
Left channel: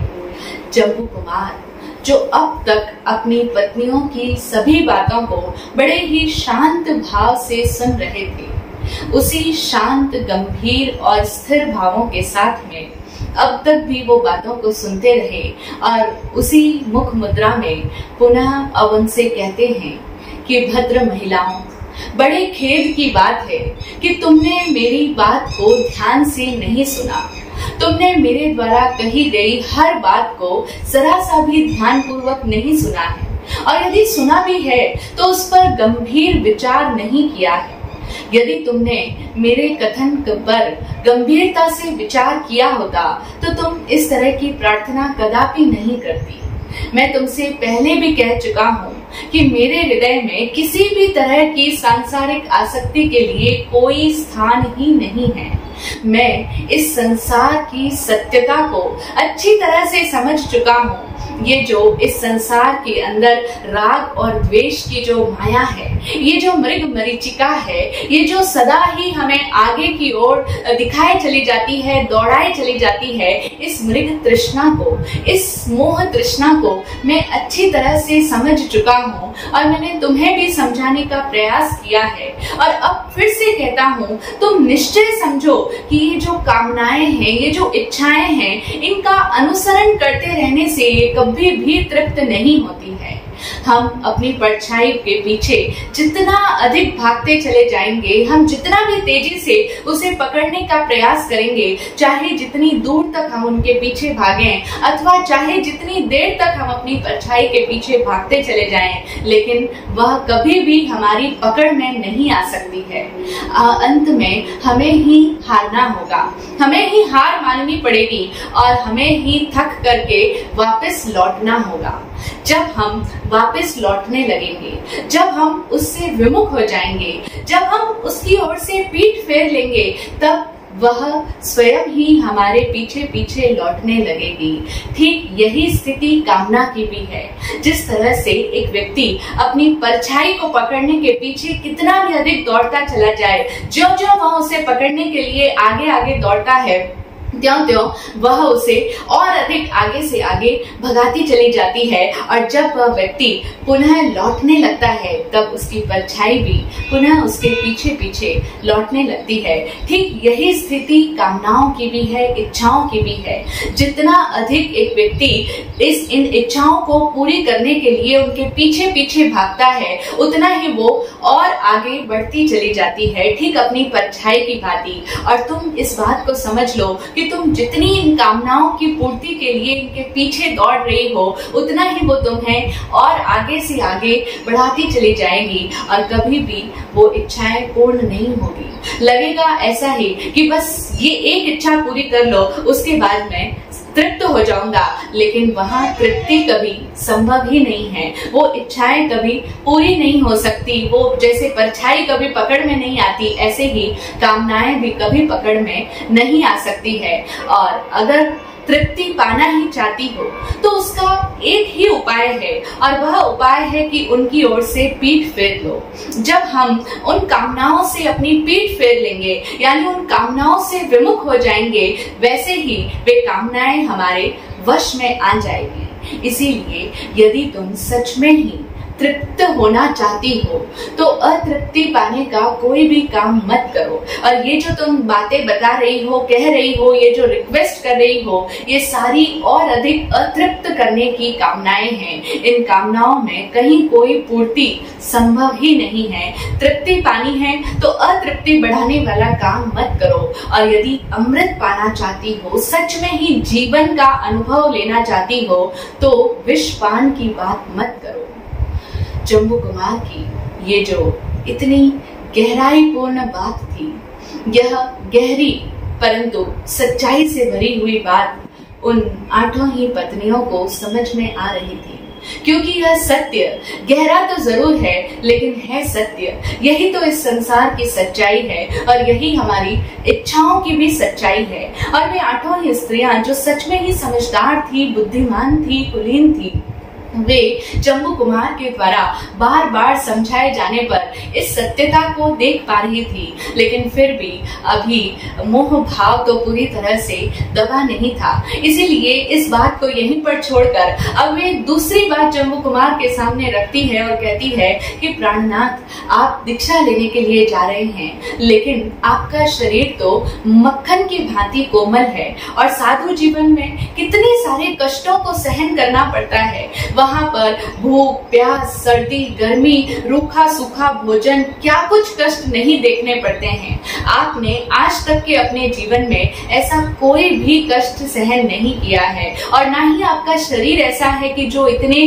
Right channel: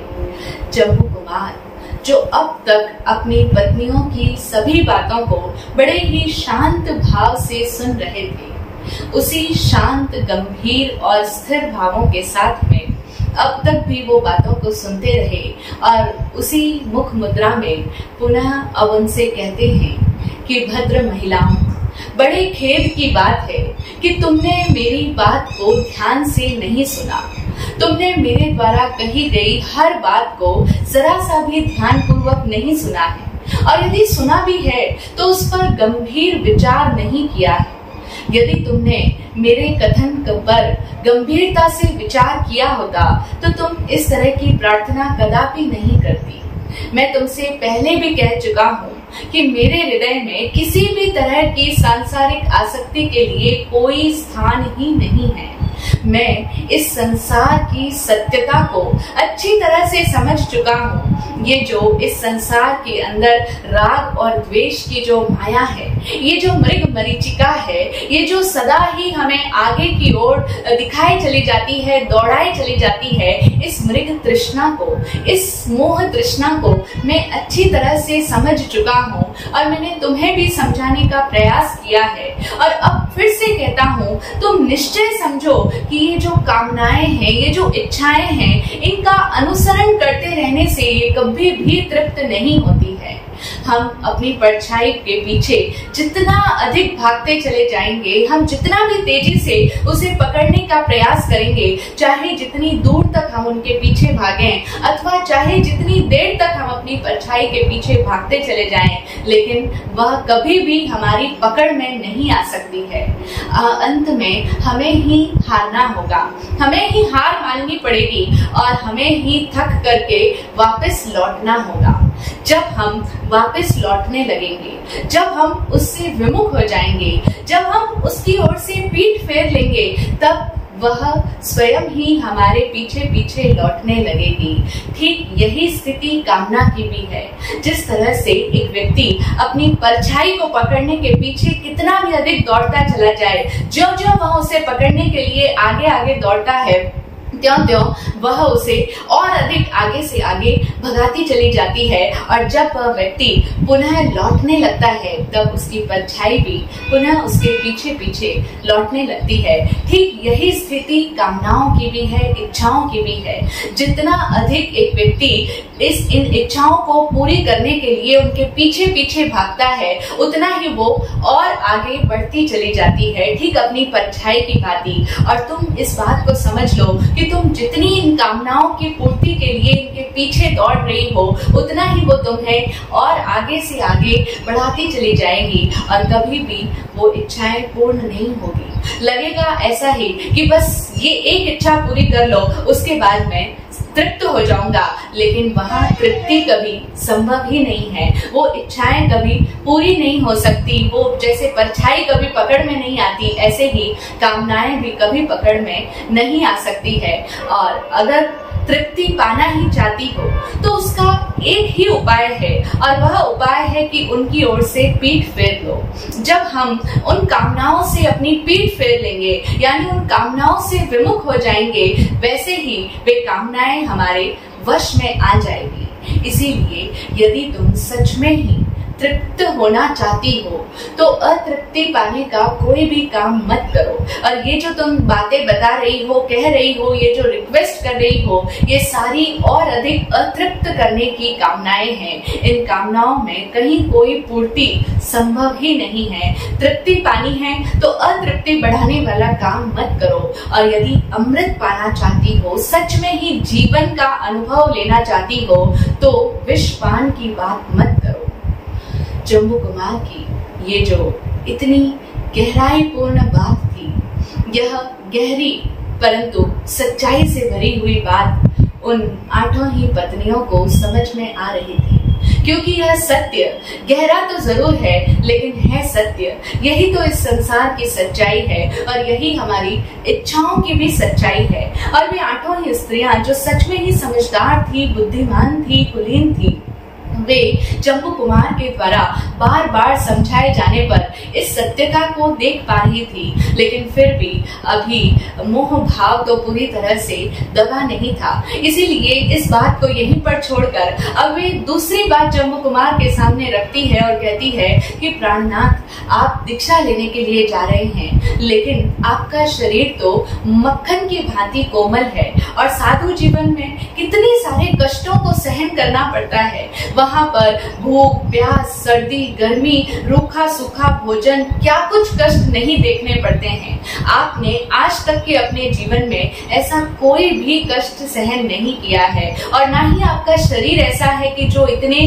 जम्बू कुमार, जो अब तक अपनी पत्नियों की सभी बातों को बड़े ही शांत भाव से सुन रहे थे, उसी शांत, गंभीर और स्थिर भावों के साथ में अब तक भी वो बातों को सुनते रहे और उसी मुख मुद्रा में पुनः अब उनसे कहते हैं कि भद्र महिलाओं, बड़े खेद की बात है कि तुमने मेरी बात को ध्यान से नहीं सुना। तुमने मेरे द्वारा कही गई हर बात को जरा सा भी ध्यान पूर्वक नहीं सुना है और यदि सुना भी है तो उस पर गंभीर विचार नहीं किया है। यदि तुमने मेरे कथन पर गंभीरता से विचार किया होता तो तुम इस तरह की प्रार्थना कदापि नहीं करती। मैं तुमसे पहले भी कह चुका हूँ कि मेरे हृदय में किसी भी तरह की सांसारिक आसक्ति के लिए कोई स्थान ही नहीं है। मैं इस संसार की सत्यता को अच्छी तरह से समझ चुका हूँ। ये जो इस संसार के अंदर राग और द्वेष की जो माया है, ये जो मृग मरीचिका है, ये जो सदा ही हमें आगे की ओर दिखाई चली जाती है, दौड़ाई चली जाती है, इस मृग तृष्णा को, इस मोह तृष्णा को मैं अच्छी तरह से समझ चुका हूँ और मैंने तुम्हें भी समझाने का प्रयास किया है। और अब फिर से कहता हूँ, तुम निश्चय समझो कि ये जो कामनाएं हैं, ये जो इच्छाएं हैं, इनका अनुसरण करते रहने से ये कभी भी तृप्त नहीं होती है। हम अपनी परछाई के पीछे जितना अधिक भागते चले जाएंगे, हम जितना भी तेजी से उसे पकड़ने का प्रयास करेंगे, चाहे जितनी दूर तक हम उनके पीछे भागें अथवा चाहे जितनी देर तक हम अपनी परछाई के पीछे भागते चले जाएं, लेकिन वह कभी भी हमारी पकड़ में नहीं आ सकती है। अंत में हमें ही हारना होगा, हमें ही हार माननी पड़ेगी और हमें ही थक करके वापस लौटना होगा। जब हम वापस लौटने लगेंगे, जब हम उससे विमुख हो जाएंगे, जब हम उसकी ओर से पीठ फेर लेंगे, तब वह स्वयं ही हमारे पीछे पीछे लौटने लगेगी। ठीक यही स्थिति कामना की भी है। जिस तरह से एक व्यक्ति अपनी परछाई को पकड़ने के पीछे कितना भी अधिक दौड़ता चला जाए, जो जो वह उसे पकड़ने के लिए आगे आगे दौड़ता है, त्यों त्यों वह उसे और अधिक आगे से आगे भगाती चली जाती है, और जब वह व्यक्ति पुनः लौटने लगता है तब उसकी परछाई भी पुनः उसके पीछे पीछे लौटने लगती है। ठीक यही स्थिति कामनाओं की भी है, इच्छाओं की भी है। जितना अधिक एक व्यक्ति इन इच्छाओं को पूरी करने के लिए उनके पीछे पीछे भागता है, उतना ही वो और आगे बढ़ती चली जाती है, ठीक अपनी परछाई की भांति। और तुम इस बात को समझ लो कि तुम जितनी इन कामनाओं की पूर्ति के लिए इनके पीछे दौड़ रही हो, उतना ही वो तुम्हें और आगे से आगे बढ़ाती चली जाएगी, और कभी भी वो इच्छाएं पूर्ण नहीं होगी। लगेगा ऐसा ही कि बस ये एक इच्छा पूरी कर लो, उसके बाद मैं तृप्त हो जाऊंगा, लेकिन वहां तृप्ति कभी संभव ही नहीं है। वो इच्छाएं कभी पूरी नहीं हो सकती। वो जैसे परछाई कभी पकड़ में नहीं आती, ऐसे ही कामनाएं भी कभी पकड़ में नहीं आ सकती है। और अगर तृप्ति पाना ही चाहती हो तो उसका एक ही उपाय है, और वह उपाय है कि उनकी ओर से पीठ फेर लो। जब हम उन कामनाओं से अपनी पीठ फेर लेंगे, यानी उन कामनाओं से विमुख हो जाएंगे, वैसे ही वे कामनाएं हमारे वश में आ जाएगी। इसीलिए यदि तुम सच में ही तृप्त होना चाहती हो तो अतृप्ति पाने का कोई भी काम मत करो। और ये जो तुम बातें बता रही हो, कह रही हो, ये जो रिक्वेस्ट कर रही हो, ये सारी और अधिक अतृप्त करने की कामनाएं हैं। इन कामनाओं में कहीं कोई पूर्ति संभव ही नहीं है। तृप्ति पानी है तो अतृप्ति बढ़ाने वाला काम मत करो। और यदि अमृत पाना चाहती हो, सच में ही जीवन का अनुभव लेना चाहती हो, तो विष पान की बात मत करो। जम्बू कुमार की ये जो इतनी गहराई पूर्ण बात थी, यह गहरी परंतु सच्चाई से भरी हुई बात उन 8 ही पत्नियों को समझ में आ रही थी। क्योंकि यह सत्य गहरा तो जरूर है, लेकिन है सत्य। यही तो इस संसार की सच्चाई है, और यही हमारी इच्छाओं की भी सच्चाई है। और वे 8 ही स्त्रियां जो सच में ही समझदार थी, बुद्धिमान थी, कुलीन थी, वे जम्बू कुमार के द्वारा बार बार समझाए जाने पर इस सत्यता को देख पा रही थी, लेकिन फिर भी अभी मोह भाव तो पूरी तरह से दबा नहीं था। इसीलिए इस बात को यहीं पर छोड़कर अब वे दूसरी बात जम्बू कुमार के सामने रखती है और कहती है कि प्राणनाथ, आप दीक्षा लेने के लिए जा रहे हैं, लेकिन आपका शरीर तो मक्खन की भांति कोमल है, और साधु जीवन में कितने सारे कष्टों को सहन करना पड़ता है। वहां पर भूख, प्यास, सर्दी, गर्मी, रूखा सूखा भोजन, क्या कुछ कष्ट नहीं देखने पड़ते हैं। आपने आज तक के अपने जीवन में ऐसा कोई भी कष्ट सहन नहीं किया है, और ना ही आपका शरीर ऐसा है कि जो इतने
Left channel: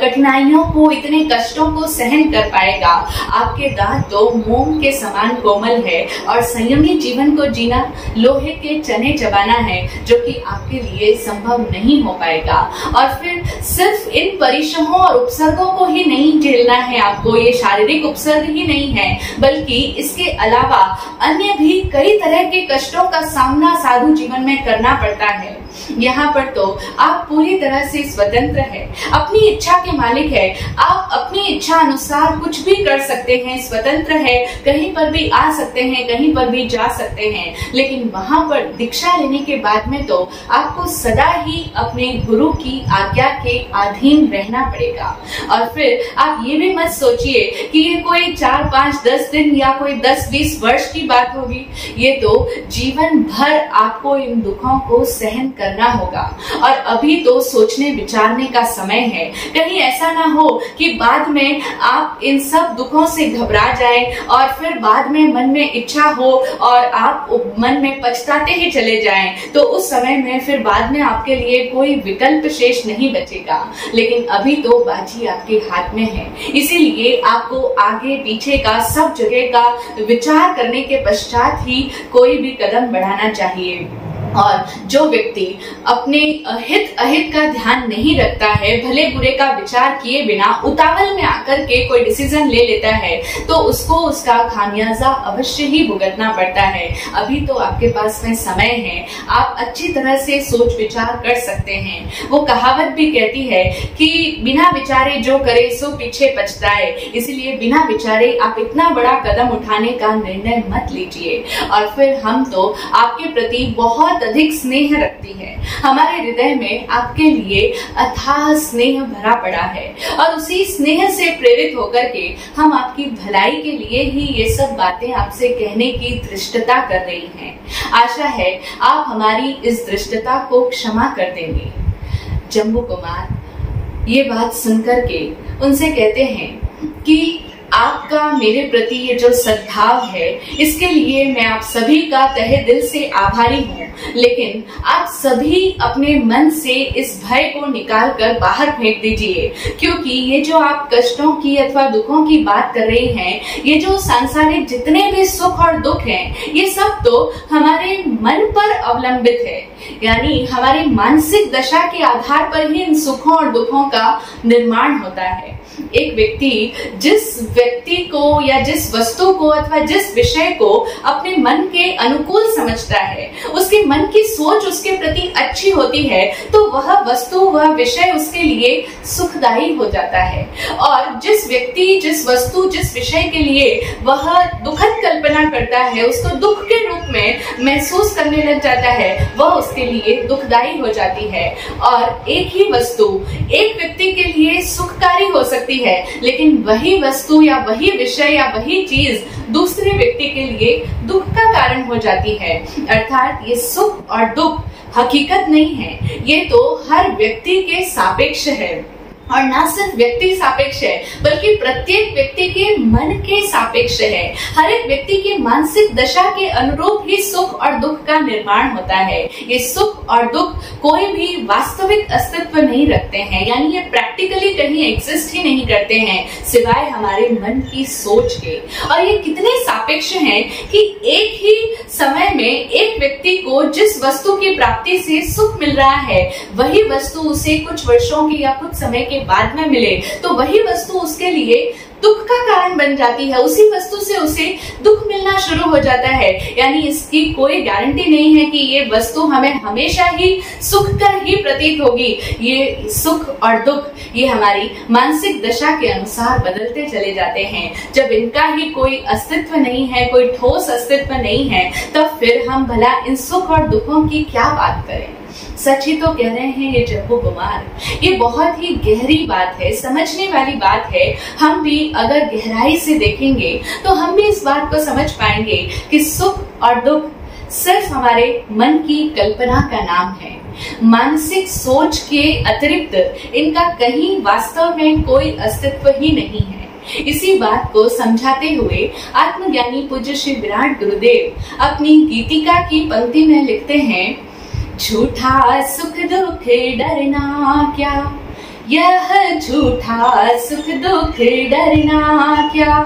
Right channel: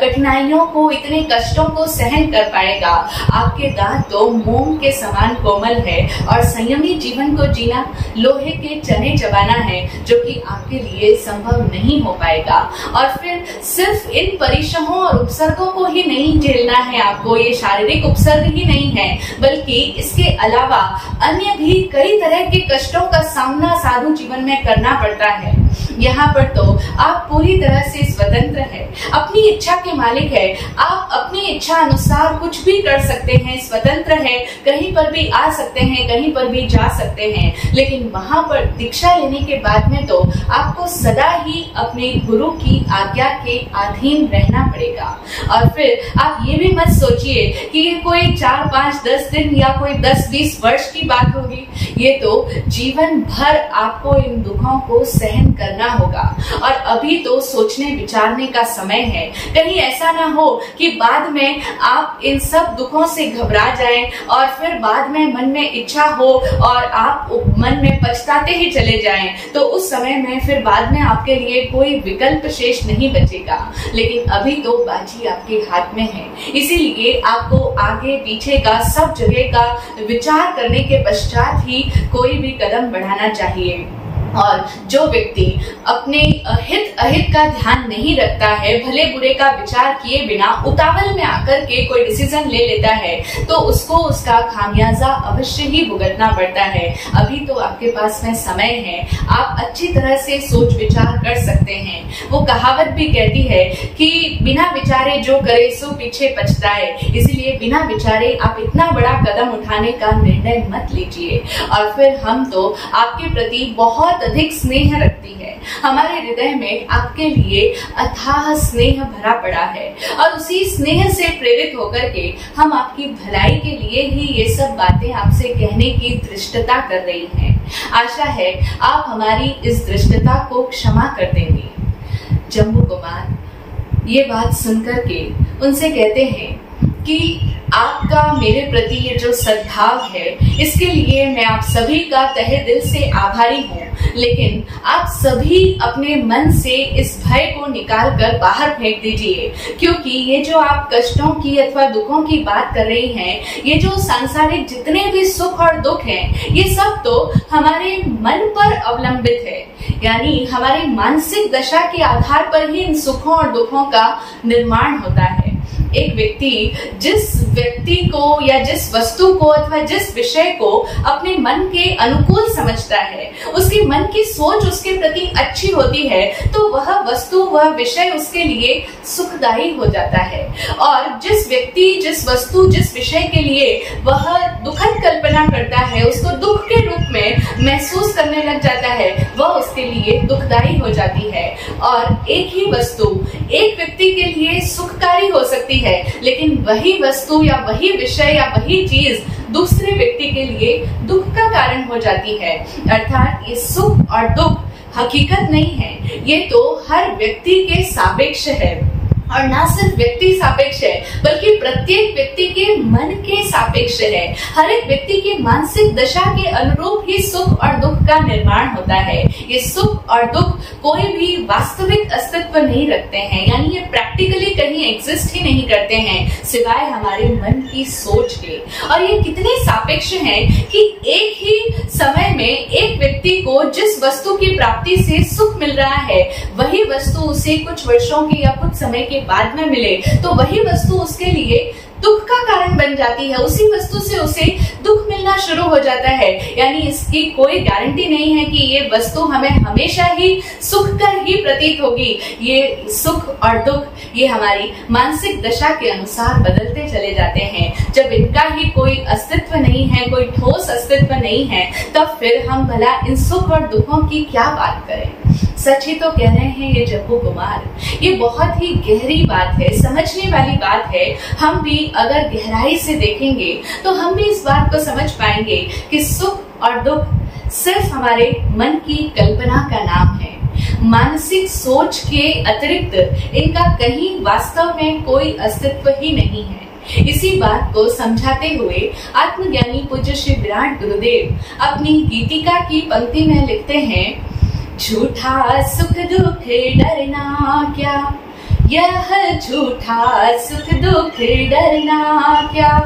कठिनाइयों को, इतने कष्टों को सहन कर पाएगा। आपके दांत तो मोम के समान कोमल है, और संयमी जीवन को जीना लोहे के चने चबाना है, जो कि आपके लिए संभव नहीं हो पाएगा। और फिर सिर्फ इन परिश्रमों और उपसर्गों को ही नहीं झेलना है आपको, ये शारीरिक उपसर्ग ही नहीं है, बल्कि इसके अलावा अन्य भी कई तरह के कष्टों का सामना साधु जीवन में करना पड़ता है। यहाँ पर तो आप पूरी तरह से स्वतंत्र है, अपनी इच्छा के मालिक है। आप अपनी इच्छा अनुसार कुछ भी कर सकते हैं, स्वतंत्र है, कहीं पर भी आ सकते हैं, कहीं पर भी जा सकते हैं। लेकिन वहां पर दीक्षा लेने के बाद में तो आपको सदा ही अपने गुरु की आज्ञा के अधीन रहना पड़ेगा। और फिर आप ये भी मत सोचिए कि ये कोई 4, 5, 10 दिन या कोई 10-20 वर्ष की बात होगी। ये तो जीवन भर आपको इन दुखों को सहन करना होगा। और अभी तो सोचने विचारने का समय है। कहीं ऐसा ना हो कि बाद में आप इन सब दुखों से घबरा जाएं, और फिर बाद में मन में इच्छा हो और आप मन में पछताते ही चले जाएं, तो उस समय में फिर बाद में आपके लिए कोई विकल्प शेष नहीं बचेगा। लेकिन अभी तो बाजी आपके हाथ में है, इसीलिए आपको आगे पीछे का सब जगह का विचार करने के पश्चात ही कोई भी कदम बढ़ाना चाहिए। और जो व्यक्ति अपने हित अहित का ध्यान नहीं रखता है, भले बुरे का विचार किए बिना उतावल में आकर के कोई डिसीजन ले लेता है, तो उसको उसका खामियाजा अवश्य ही भुगतना पड़ता है। अभी तो आपके पास में समय है, आप अच्छी तरह से सोच विचार कर सकते हैं। वो कहावत भी कहती है कि बिना विचारे जो करे सो पीछे पछताए। इसलिए बिना विचारे आप इतना बड़ा कदम उठाने का निर्णय मत लीजिए। और फिर हम तो आपके प्रति बहुत अधिक स्नेह रखती है। हमारे हृदय में आपके लिए अथाह स्नेह भरा पड़ा है और उसी स्नेह से प्रेरित होकर के हम आपकी भलाई के लिए ही ये सब बातें आपसे कहने की धृष्टता कर रही हैं। आशा है आप हमारी इस धृष्टता को क्षमा कर देंगे। जम्बू कुमार ये बात सुनकर के उनसे कहते हैं कि आपका मेरे प्रति ये जो सद्भाव है, इसके लिए मैं आप सभी का तहे दिल से आभारी हूँ, लेकिन आप सभी अपने मन से इस भय को निकाल कर बाहर फेंक दीजिए, क्योंकि ये जो आप कष्टों की अथवा दुखों की बात कर रही हैं, ये जो सांसारिक जितने भी सुख और दुख हैं, ये सब तो हमारे मन पर अवलंबित है। यानी हमारी मानसिक दशा के आधार पर ही इन सुखों और दुखों का निर्माण होता है। एक व्यक्ति जिस व्यक्ति को या जिस वस्तु को अथवा जिस विषय को अपने मन के अनुकूल समझता है, उसके मन की सोच उसके प्रति अच्छी होती है, तो वह वस्तु वह विषय उसके लिए सुखदायी हो जाता है। और जिस व्यक्ति जिस वस्तु जिस विषय के लिए वह दुखद कल्पना करता है, उसको दुख के रूप में महसूस करने लग जाता है, वह उसके लिए दुखदायी हो जाती है। और एक ही वस्तु एक व्यक्ति के लिए सुखकारी हो सकती है, लेकिन वही वस्तु या वही विषय या वही चीज दूसरे व्यक्ति के लिए दुख का कारण हो जाती है। अर्थात ये सुख और दुख हकीकत नहीं है, ये तो हर व्यक्ति के सापेक्ष है। और ना सिर्फ व्यक्ति सापेक्ष है, बल्कि प्रत्येक व्यक्ति के मन के सापेक्ष है। हर एक व्यक्ति की मानसिक दशा के अनुरूप ही सुख और दुख का निर्माण होता है। ये सुख और दुख कोई भी वास्तविक अस्तित्व नहीं रखते हैं, यानी ये प्रैक्टिकली कहीं एग्जिस्ट ही नहीं करते हैं सिवाय हमारे मन की सोच के। और ये कितने सापेक्ष हैं कि एक ही समय में एक व्यक्ति को जिस वस्तु की प्राप्ति से सुख मिल रहा है, वही वस्तु उसे कुछ वर्षों के या कुछ समय के बाद में मिले तो वही वस्तु उसके लिए दुख का कारण बन जाती है। उसी वस्तु से उसे दुख मिलना शुरू हो जाता है। यानी इसकी कोई गारंटी नहीं है कि ये वस्तु हमें हमेशा ही सुखकर ही प्रतीत होगी। ये सुख और दुख ये हमारी मानसिक दशा के अनुसार बदलते चले जाते हैं। जब इनका ही कोई अस्तित्व नहीं है, कोई ठोस अस्तित्व नहीं है, तब फिर हम भला इन सुख और दुखों की क्या बात करें। सच ही तो कह रहे हैं ये जम्बू कुमार। ये बहुत ही गहरी बात है, समझने वाली बात है। हम भी अगर गहराई से देखेंगे तो हम भी इस बात को समझ पाएंगे कि सुख और दुख सिर्फ हमारे मन की कल्पना का नाम है। मानसिक सोच के अतिरिक्त इनका कहीं वास्तव में कोई अस्तित्व ही नहीं है। इसी बात को समझाते हुए आत्मज्ञानी पूज्य श्री विराट गुरुदेव अपनी गीतिका की पंक्ति में लिखते हैं, झूठा सुख दुख डरना क्या, यह झूठा सुख दुख डरना क्या,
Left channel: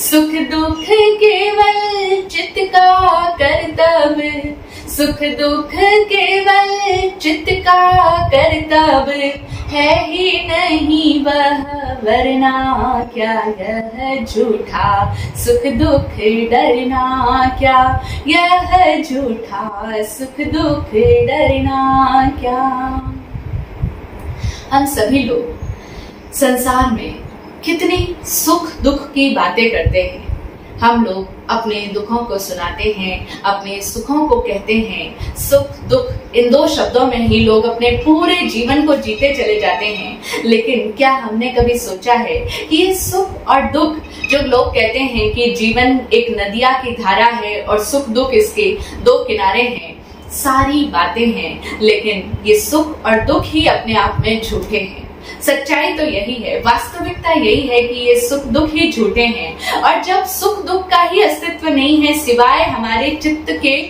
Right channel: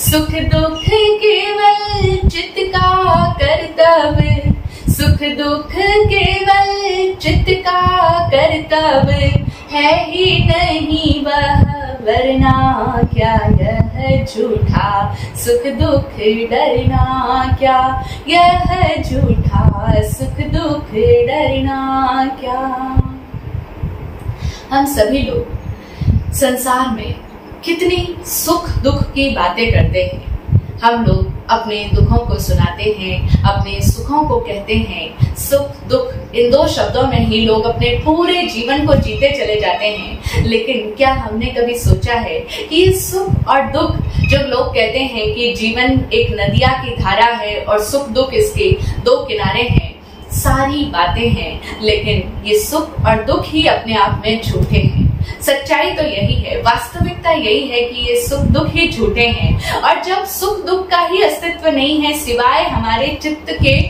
सुख दुख केवल चित्त का कर्तव्य, सुख दुख केवल चित्त का कर्तव्य है ही नहीं वह वरना क्या, यह झूठा सुख दुख डरना क्या, यह झूठा सुख दुख डरना क्या। हम सभी लोग संसार में कितनी सुख दुख की बातें करते हैं। हम लोग अपने दुखों को सुनाते हैं, अपने सुखों को कहते हैं। सुख दुख इन दो शब्दों में ही लोग अपने पूरे जीवन को जीते चले जाते हैं। लेकिन क्या हमने कभी सोचा है कि ये सुख और दुख, जो लोग कहते हैं कि जीवन एक नदिया की धारा है और सुख दुख इसके दो किनारे हैं, सारी बातें हैं, लेकिन ये सुख और दुख ही अपने आप में झूठे हैं। सच्चाई तो यही है, वास्तविकता यही है कि ये सुख दुख ही झूठे हैं। और जब सुख दुख का ही अस्तित्व नहीं है सिवाय हमारे चित्त के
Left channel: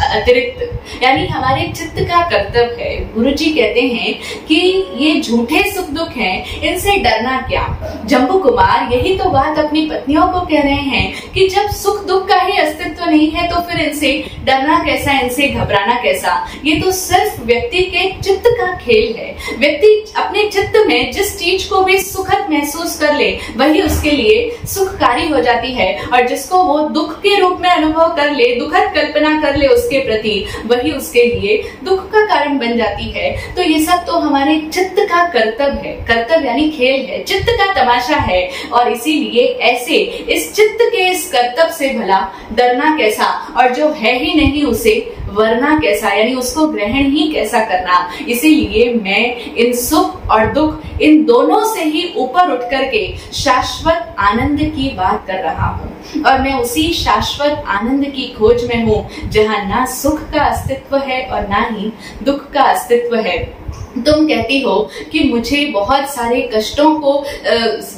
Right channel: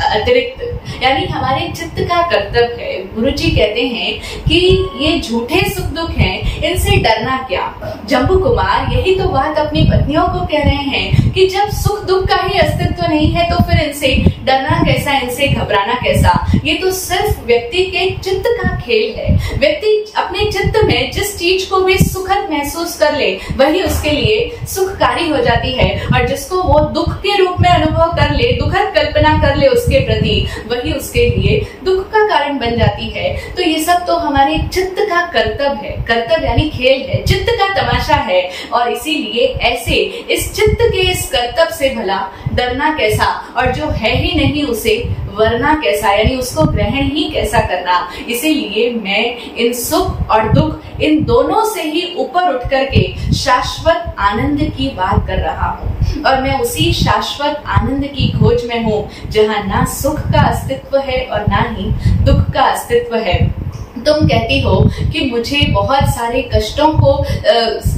अतिरिक्त, यानी हमारे चित्त का कर्तव्य है। गुरुजी कहते हैं कि ये झूठे सुख दुख हैं, इनसे डरना क्या। जम्बू कुमार यही तो बात अपनी पत्नियों को कह रहे हैं कि जब सुख दुख का ही अस्तित्व नहीं है तो फिर इनसे डरना कैसा, इनसे घबराना कैसा। ये तो सिर्फ व्यक्ति के चित्त का खेल है। व्यक्ति अपने चित्त में जिस चीज को भी सुखद महसूस कर ले वही उसके लिए सुखकारी हो जाती है, और जिसको वो दुख के रूप में अनुभव कर ले, दुखद कल्पना कर ले उसके प्रति, वही उसके लिए दुख का कारण बन जाती है। तो ये सब तो हमारे चित्त का कर्तव्य है। कर्तव्य यानी खेल है, चित्त का तमाशा है। और इसीलिए ऐसे इस चित्त के इस कर्तव्य से भला डरना कैसा, और जो है ही नहीं उसे वरना कैसा, यानी उसको ग्रहण ही कैसा करना। इसीलिए मैं इन सुख और दुख इन दोनों से ही ऊपर उठ करके शाश्वत आनंद की बात कर रहा हूँ, और मैं उसी शाश्वत आनंद की खोज में हूँ जहाँ ना सुख का अस्तित्व है और ना ही दुख का अस्तित्व है। तुम कहती हो कि मुझे बहुत सारे कष्टों को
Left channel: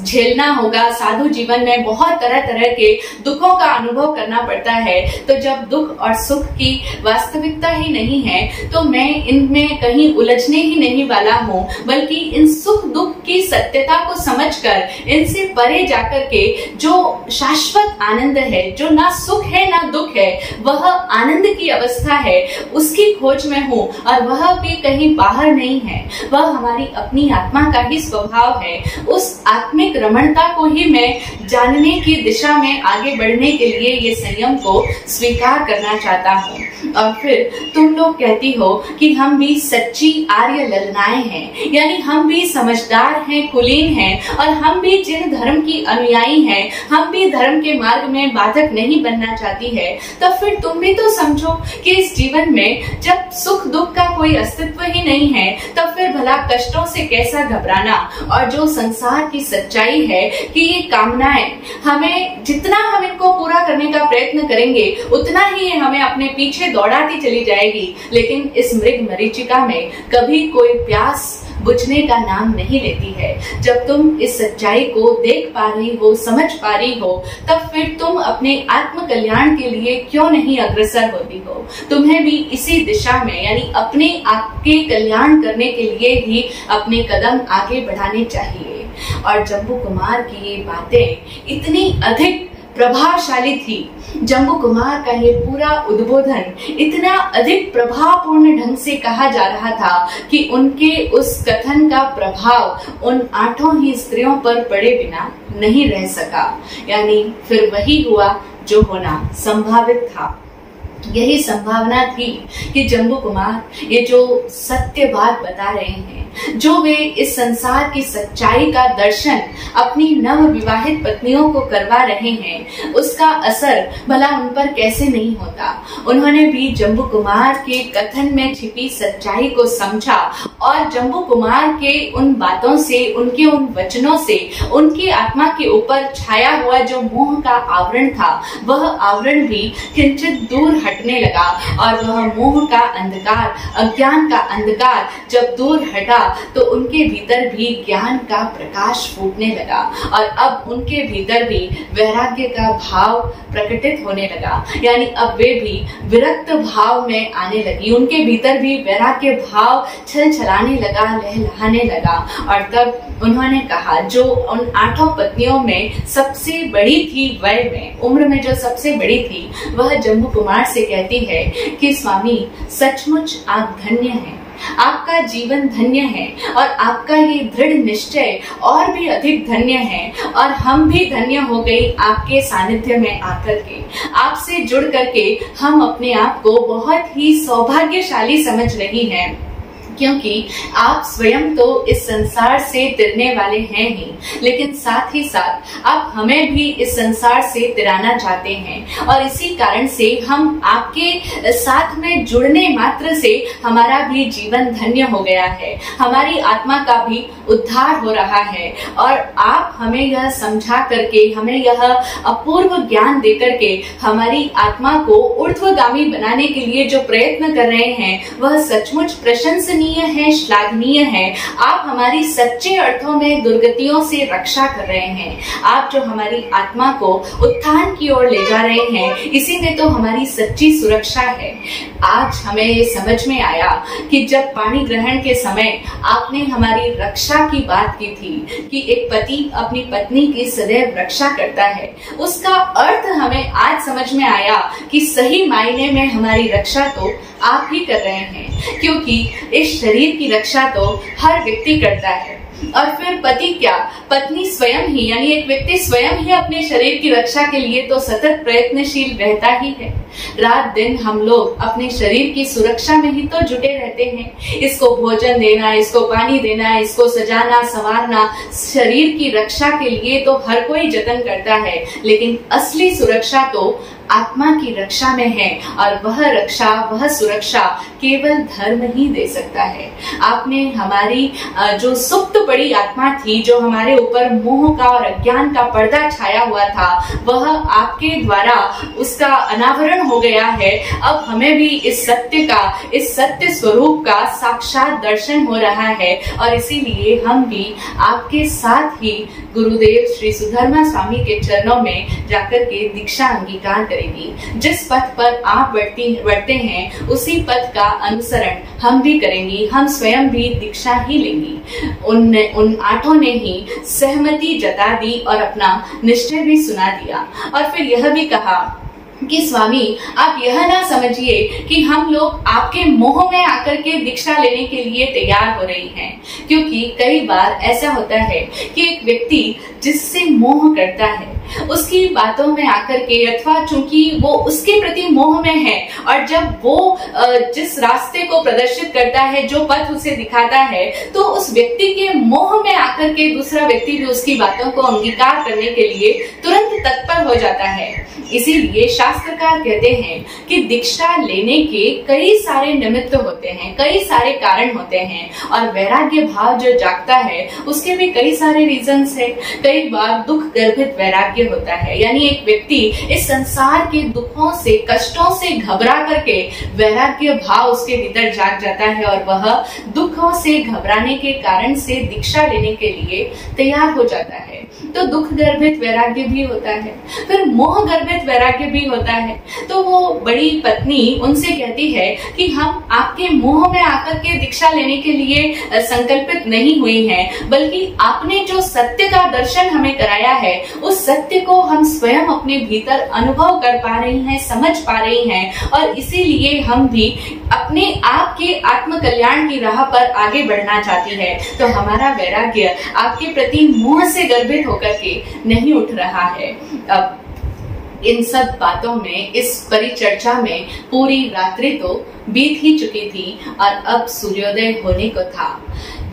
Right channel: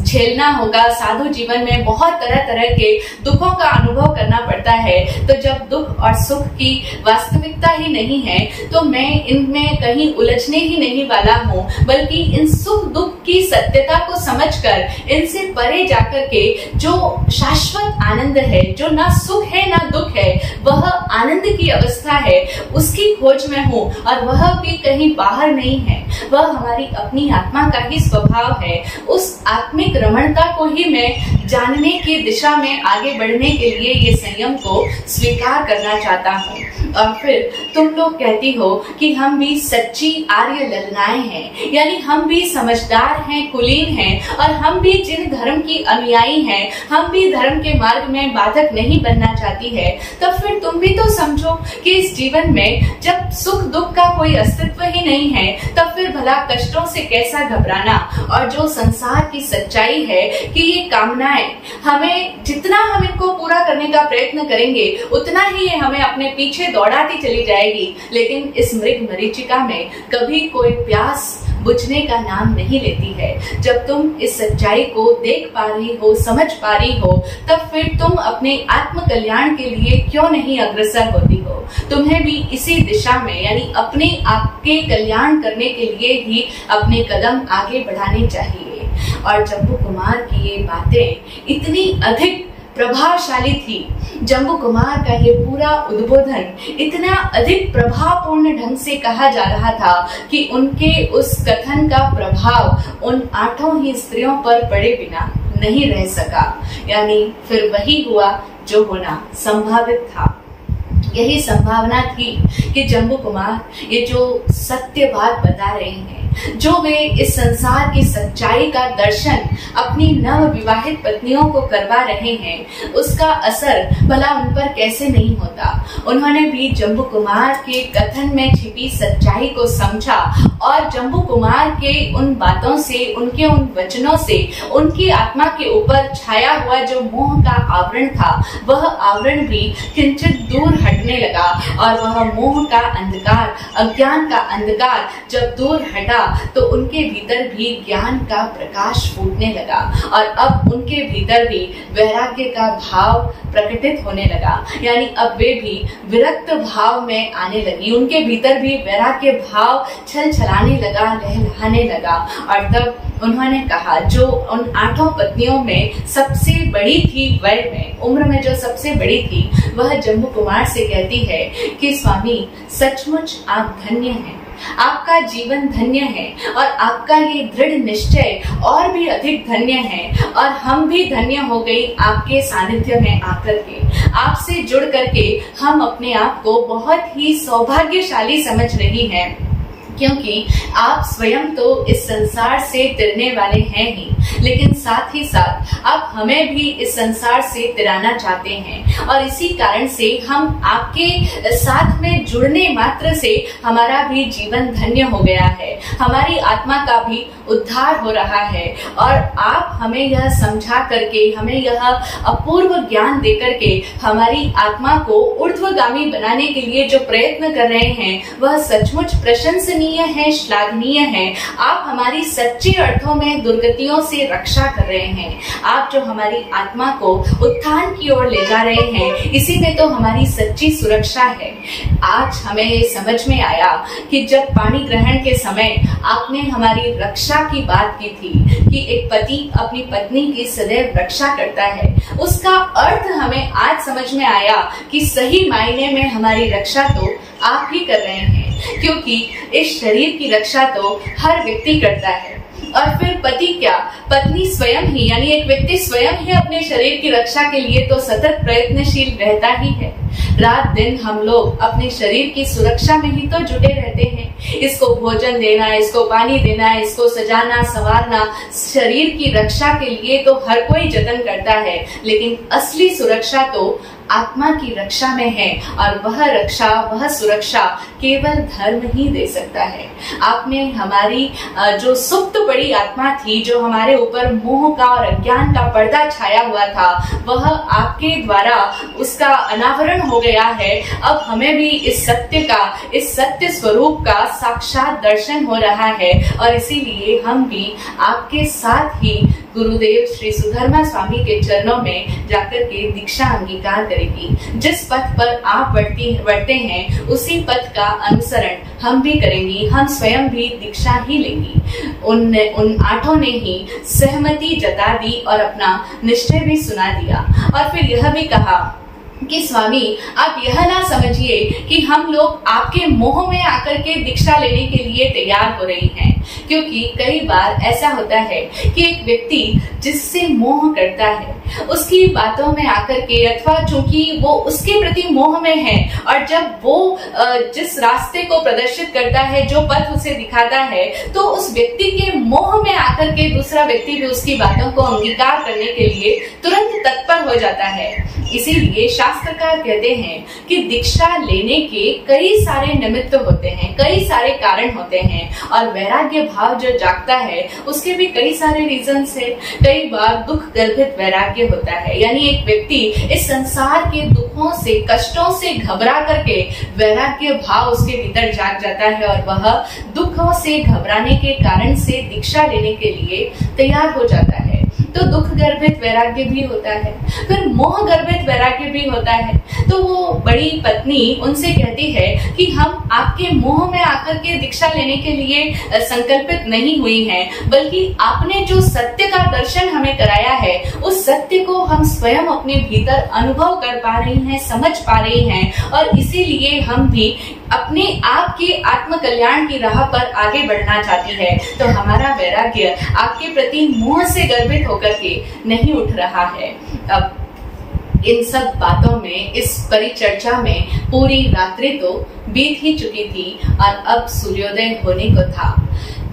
झेलना होगा, साधु जीवन में बहुत तरह तरह के दुखों का अनुभव करना पड़ता है, तो जब दुख और सुख की वास्तविकता ही नहीं है तो मैं इनमें कहीं उलझने ही नहीं वाला हूँ, बल्कि इन सुख दुख की सत्यता को समझकर इनसे परे जाकर के जो शाश्वत आनंद है, जो ना सुख है ना दुख है, वह आनंद की अवस्था है, उसकी खोज में हूँ। और वह भी कहीं बाहर नहीं है, वह हमारी अपनी आत्मा का ही स्वभाव है। उस आत्मिक रमणता को ही मैं जानने की दिशा में आगे बढ़ने के लिए ये संयम को स्वीकार करना चाहता हूँ। और फिर तुम लोग कहती हो कि हम भी सच्ची आर्य ललनाएं हैं, यानी हम भी समझदार हैं, कुलीन हैं, और हम भी जिन धर्म की अनुयायी हैं, हम भी धर्म के मार्ग में बाधक नहीं बनना चाहती है। तब फिर तुम भी तो समझो कि इस जीवन में जब सुख दुख का कोई अस्तित्व ही नहीं है, तब फिर भला कष्टों से कैसा घबराना। और जो संसार की सच्चाई है कि ये कामनाएं हमें, जितना हम इनको पूरा करने का प्रयत्न करेंगे उतना ही ये हमें अपने पीछे दौड़ाती चली जाएगी, लेकिन इस मृग मरीचिका में कभी कोई प्यास बुझने का नाम नहीं लेती है। जब तुम इस सच्चाई को देख पा रही हो, समझ पा रही हो, तब फिर तुम अपने आत्म कल्याण के लिए क्यों नहीं अग्रसर होती हो। तुम्हें भी इसी दिशा में, यानी अपने आपके कल्याण करने के लिए ही अपने कदम आगे बढ़ाने चाहिए। और जम्बू कुमार की ये बातें इतनी अधिक प्रभावशाली थी, जम्बू कुमार का ये पूरा उद्बोधन इतना अधिक प्रभावपूर्ण ढंग से कहा जा रहा था कि उनके उस कथन का प्रभाव उन 8 ही स्त्रियों पर पड़े बिना नहीं रह सका। यानी फिर वही हुआ जो होना संभावित था। यही संभावना थी कि जम्बू कुमार ये जो सत्य बात बता रहे हैं, जो वे इस संसार की सच्चाई का दर्शन अपनी नव विवाहित पत्नियों को करवा रहे हैं, उसका असर भला उन पर कैसे नहीं होता। उन्होंने भी जम्बू कुमार के कथन में छिपी सच्चाई को समझा, और जम्बू कुमार के उन बातों से, उनके उन वचनों से उनकी आत्मा के ऊपर छाया हुआ जो मोह का आवरण था, वह आवरण भी किंचित दूर हटने लगा। और वह मोह का अंधकार, अज्ञान का अंधकार जब दूर हटा तो उनके भीतर भी ज्ञान का प्रकाश फूटने लगा, और अब उनके भीतर भी वैराग्य का भाव प्रकटित होने लगा। यानी अब वे भी विरक्त भाव में आने लगी, उनके भीतर भी वैराग्य भाव छल छलाने लगा, लहलहाने लगा। और तब उन्होंने कहा, जो उन 8 पत्नियों में सबसे बड़ी थी, वय में, उम्र में जो सबसे बड़ी थी, वह जम्बू कुमार से कहती है कि स्वामी, सचमुच आप धन्य हैं, आपका जीवन धन्य है, और आपका ये दृढ़ निश्चय और भी अधिक धन्य है। और हम भी धन्य हो गई आपके सानिध्य में आकर के, आपसे जुड़ करके हम अपने आप को बहुत ही सौभाग्यशाली समझ रही हैं, क्योंकि आप स्वयं तो इस संसार से तिरने वाले हैं ही, लेकिन साथ ही साथ आप हमें भी इस संसार से तिराना चाहते हैं। और इसी कारण से हम आपके साथ में जुड़ने मात्र से हमारा भी जीवन धन्य हो गया है, हमारी आत्मा का भी उद्धार हो रहा है। और आप हमें यह समझा करके, हमें यह अपूर्व ज्ञान दे करके हमारी आत्मा को ऊर्ध्वगामी बनाने के लिए जो प्रयत्न कर रहे हैं, वह सचमुच प्रशंसनीय है, श्लाघनीय है। आप हमारी सच्चे अर्थों में दुर्गतियों से रक्षा कर रहे हैं, आप जो हमारी आत्मा को उत्थान की ओर ले जा रहे हैं, इसी में तो हमारी सच्ची सुरक्षा है। आज हमें ये समझ में आया कि जब पाणी ग्रहण के समय आपने हमारी रक्षा की बात की थी कि एक पति अपनी पत्नी की सदैव रक्षा करता है, उसका अर्थ हमें आज समझ में आया कि सही मायने में हमारी रक्षा तो आप ही कर रहे हैं, क्योंकि इस शरीर की रक्षा तो हर व्यक्ति करता है, और फिर पति क्या, पत्नी स्वयं ही, यानी एक व्यक्ति स्वयं ही अपने शरीर की रक्षा के लिए तो सतत प्रयत्नशील रहता ही है। रात दिन हम लोग अपने शरीर की सुरक्षा में ही तो जुटे रहते हैं। इसको भोजन देना, इसको पानी देना, इसको सजाना संवारना, शरीर की रक्षा के लिए तो हर कोई जतन करता है, लेकिन असली सुरक्षा तो आत्मा की रक्षा में है, और वह रक्षा, वह सुरक्षा केवल धर्म ही दे सकता है। आपने हमारी जो सुप्त पड़ी आत्मा थी, जो हमारे ऊपर मोह का और अज्ञान का पर्दा छाया हुआ था, वह आपके द्वारा उसका अनावरण हो गया है। अब हमें भी इस सत्य का, इस सत्य स्वरूप का साक्षात दर्शन हो रहा है, और इसीलिए हम भी आपके साथ ही गुरुदेव श्री सुधर्मा स्वामी के चरणों में जाकर के दीक्षा अंगीकार करेगी। जिस पथ पर आप बढ़ते हैं, उसी पथ का अनुसरण हम भी करेंगी, हम स्वयं भी दीक्षा ही लेंगी। उन आठों ने ही सहमति जता दी और अपना निश्चय भी सुना दिया, और फिर यह भी कहा कि स्वामी, आप यह ना समझिए कि हम लोग आपके मोह में आकर के दीक्षा लेने के लिए तैयार हो रही हैं, क्योंकि कई बार ऐसा होता है कि एक व्यक्ति जिससे मोह करता है, उसकी बातों में आकर के, अथवा चूंकि वो उसके प्रति मोह में है, और जब वो जिस रास्ते को प्रदर्शित करता है, जो पथ उसे दिखाता है, तो उस व्यक्ति के मोह में आकर के दूसरा व्यक्ति भी उसकी बातों को अंगीकार करने के लिए तुरंत तत्पर हो जाता है। इसीलिए शास्त्रकार कहते हैं कि दीक्षा लेने के कई सारे निमित्त होते हैं, कई सारे कारण होते हैं, और वैराग्य भाव जो जागता है उसके भी कई सारे रीजंस है। कई बार दुख गर्भित वैराग्य होता है, यानी एक व्यक्ति इस संसार के दुखों से, कष्टों से घबरा करके वैराग्य भाव उसके भीतर जाग जाता है, और वह दुखों से घबराने के कारण से दीक्षा लेने के लिए तैयार हो जाता है। तो दुख गर्भित वैराग्य भी होता है, फिर मोह गर्भित वैराग्य भी होता है। तो वो बड़ी पत्नी उनसे कहती है कि हम आपके मोह में आकर के दीक्षा लेने के लिए संकल्पित नहीं हुई हैं, बल्कि आपने जो सत्य का दर्शन हमें कराया है, उस सत्य को हम स्वयं अपने भीतर अनुभव कर पा रही हैं, समझ पा रही हैं, और इसीलिए हम भी अपने आप के आत्म कल्याण की राह पर आगे बढ़ना चाहती है। तो हमारा वैराग्य आपके प्रति मोह से गर्भित होकर के नहीं उठ रहा है। अब इन सब बातों में, इस परिचर्चा में पूरी रात्रि तो बीत ही चुकी थी, और अब सूर्योदय होने को था।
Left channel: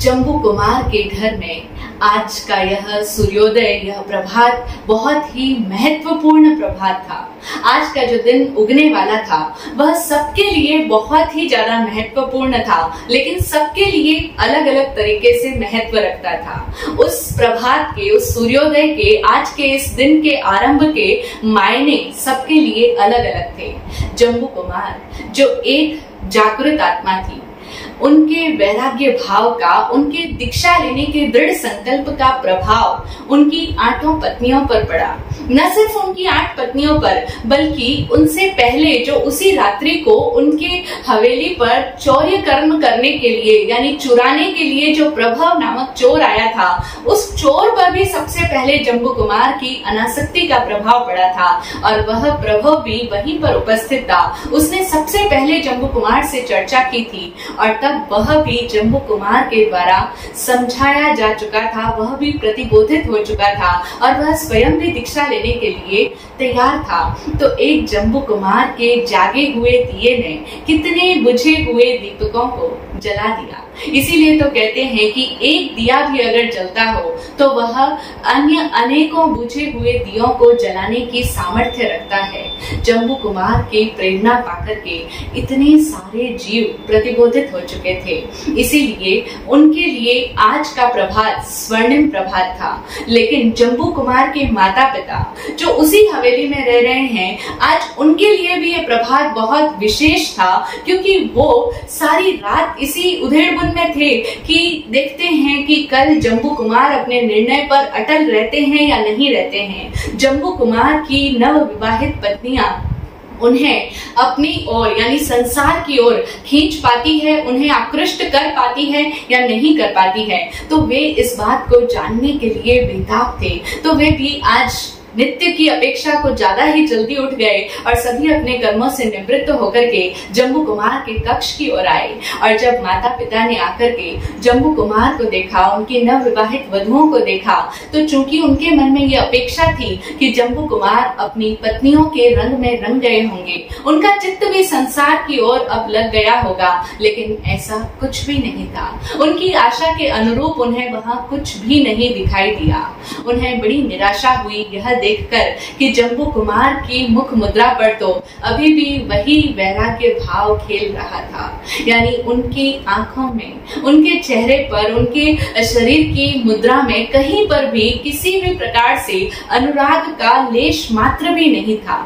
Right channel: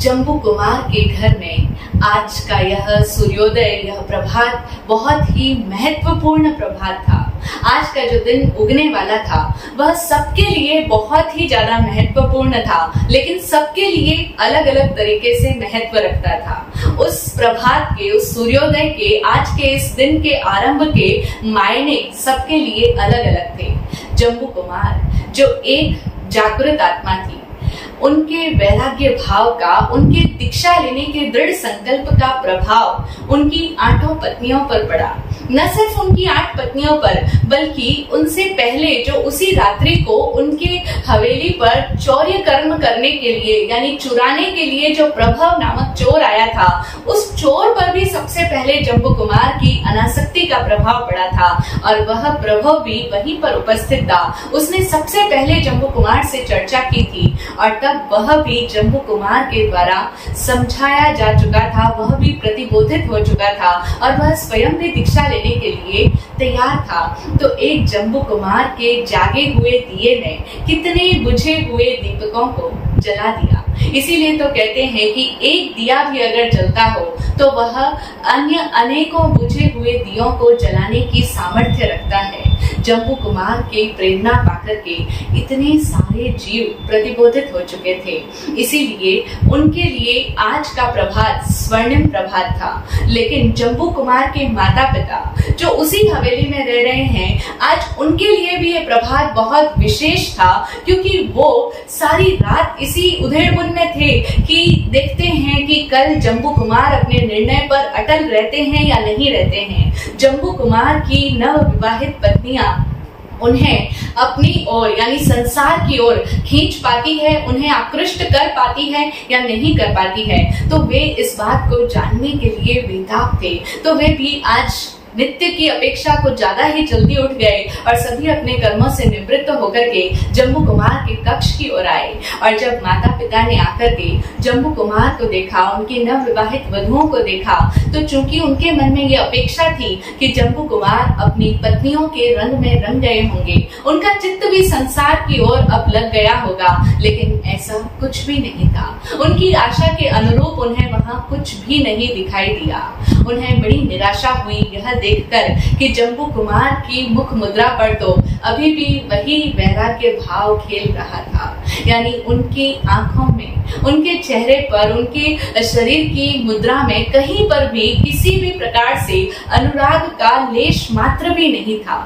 जम्बू कुमार के घर में आज का यह सूर्योदय, यह प्रभात बहुत ही महत्वपूर्ण प्रभात था। आज का जो दिन उगने वाला था वह सबके लिए बहुत ही ज्यादा महत्वपूर्ण था, लेकिन सबके लिए अलग अलग तरीके से महत्व रखता था। उस प्रभात के, उस सूर्योदय के, आज के इस दिन के आरंभ के मायने सबके लिए अलग अलग थे। जम्बू कुमार जो एक जागृत आत्मा थी, उनके वैराग्य भाव का, उनके दीक्षा लेने के दृढ़ संकल्प का प्रभाव उनकी 8 पत्नियों पर पड़ा। न सिर्फ उनकी 8 पत्नियों पर, बल्कि उनसे पहले जो उसी रात्रि को उनके हवेली पर चौर्य कर्म करने के लिए, यानी चुराने के लिए जो प्रभव नामक चोर आया था, उस चोर पर भी सबसे पहले जम्बू कुमार की अनासक्ति का प्रभाव पड़ा था, और वह प्रभव भी वहीं पर उपस्थित था। उसने सबसे पहले जम्बू कुमार से चर्चा की थी, और तब वह भी जम्बू कुमार के द्वारा समझाया जा चुका था, वह भी प्रतिबोधित हो चुका था, और वह स्वयं भी दीक्षा लेने के लिए तैयार था। तो एक जम्बू कुमार के जागे हुए दिए ने कितने बुझे हुए दीपकों को जला दिया। इसीलिए तो कहते हैं कि एक दिया भी अगर जलता हो तो वह अन्य अनेकों बुझे हुए दियों को जलाने की सामर्थ्य रखता है। जम्बू कुमार की प्रेरणा पाकर के इतने सारे जीव प्रतिबोधित हो चुके थे, इसीलिए उनके लिए आज का प्रभात स्वर्णिम प्रभात था। लेकिन जम्बू कुमार के माता पिता जो उसी हवेली में रह रहे हैं, आज उनके लिए भी ये प्रभात बहुत विशेष था, क्योंकि वो सारी रात इसी उधेड़बुन में थे कि देखते हैं कि कल जम्बू कुमार अपने निर्णय पर अटल रहते हैं या नहीं रहते हैं। जम्बू कुमार की नव विवाहित पत्नियां उन्हें अपनी ओर, यानी संसार की ओर खींच पाती है, उन्हें आकृष्ट कर पाती है या नहीं कर पाती है। तो वे इस बात को जानने के लिए बेताब थे। तो वे भी आज नित्य की अपेक्षा को ज्यादा ही जल्दी उठ गए और सभी अपने कर्मों से निवृत्त होकर के जम्बू कुमार के कक्ष की ओर आए। और जब माता पिता ने आकर के जम्बू कुमार को देखा, उनकी नवविवाहित वधुओं को देखा, तो चूंकि उनके मन में यह अपेक्षा थी कि जम्बू कुमार अपनी पत्नियों के रंग में रंग गए होंगे, उनका चित्त भी संसार की ओर अब लग गया होगा, लेकिन ऐसा कुछ भी नहीं था। उनकी आशा के अनुरूप उन्हें वहां कुछ भी नहीं दिखाई दिया। उन्हें बड़ी निराशा हुई यह देखकर कि जम्बू कुमार की मुख मुद्रा पर तो अभी भी वही वैराग्य भाव खेल रहा था, यानी उनकी आंखों में, उनके चेहरे पर, उनके शरीर की मुद्रा में कहीं पर भी किसी भी प्रकार से अनुराग का लेश मात्र भी नहीं था।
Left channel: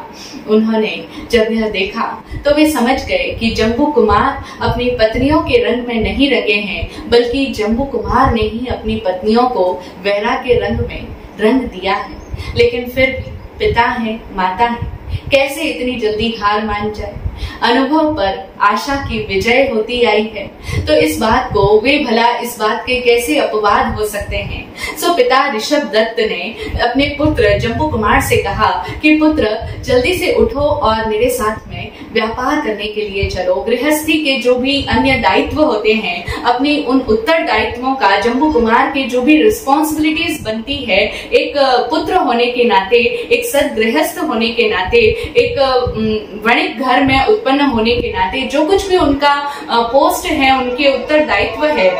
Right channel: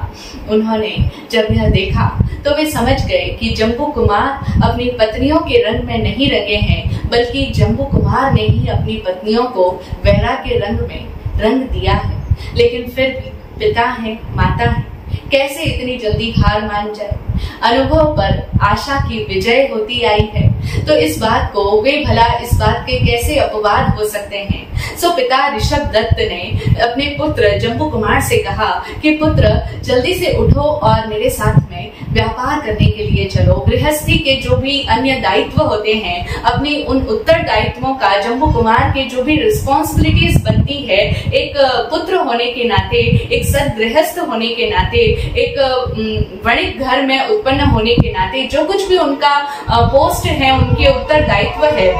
उन्होंने जब यह देखा तो वे समझ गए कि जम्बू कुमार अपनी पत्नियों के रंग में नहीं रंगे हैं, बल्कि जम्बू कुमार ने ही अपनी पत्नियों को वैराग्य रंग में रंग दिया है। लेकिन फिर भी पिता है, माता है, कैसे इतनी जल्दी हार मान जाए। अनुभव पर आशा की विजय होती आई है, तो इस बात को वे भला इस बात के कैसे अपवाद हो सकते हैं। सो पिता ऋषभ दत्त ने अपने पुत्र जम्बू कुमार से कहा कि पुत्र जल्दी से उठो और मेरे साथ में व्यापार करने के लिए चलो। गृहस्थी के जो भी अन्य दायित्व होते हैं, अपनी उन उत्तरदायित्वों का, जम्बू कुमार के जो भी रिस्पॉन्सिबिलिटीज बनती है, एक पुत्र होने के नाते, एक सदगृहस्थ होने के नाते, एक वणिक घर में उत्पन्न होने के नाते, जो कुछ भी उनका पोस्ट है, उनके उत्तरदायित्व है,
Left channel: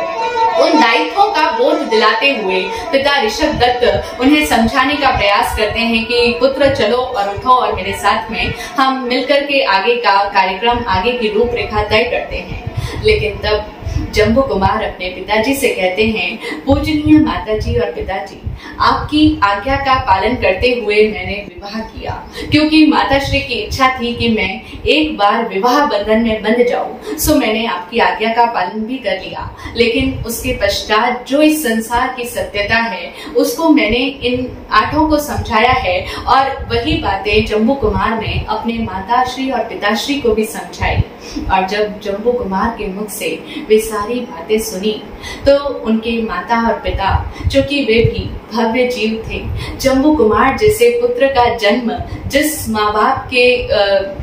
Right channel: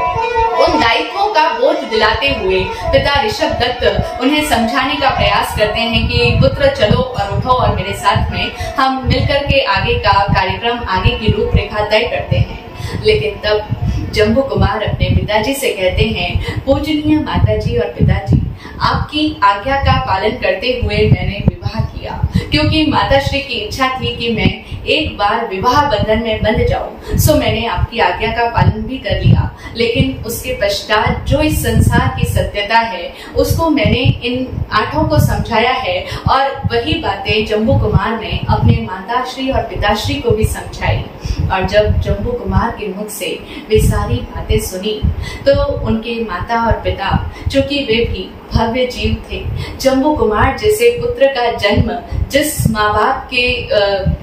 उन दायित्वों का बोध दिलाते हुए पिता ऋषभ दत्त उन्हें समझाने का प्रयास करते हैं कि पुत्र चलो और उठो और मेरे साथ में हम मिलकर के आगे का कार्यक्रम, आगे की रूपरेखा तय करते हैं। लेकिन तब जम्बू कुमार अपने पिताजी से कहते हैं, पूजनीय माताजी और पिताजी, आपकी आज्ञा का पालन करते हुए मैंने विवाह किया, क्योंकि माताश्री की इच्छा थी कि मैं एक बार विवाह बंधन में बंध जाऊं। सो मैंने आपकी आज्ञा का पालन भी कर लिया, लेकिन उसके पश्चात जो इस संसार की सत्यता है उसको मैंने इन आठों को समझाया है, और वही बातें जम्बू कुमार ने अपने माताश्री और पिताश्री को भी समझाई। और जब जम्बू कुमार के मुख से वे सारी बातें सुनी तो उनके माता और पिता, चूंकि वे भी भव्य जीव थे, जम्बू कुमार जैसे पुत्र का जन्म जिस माँ बाप के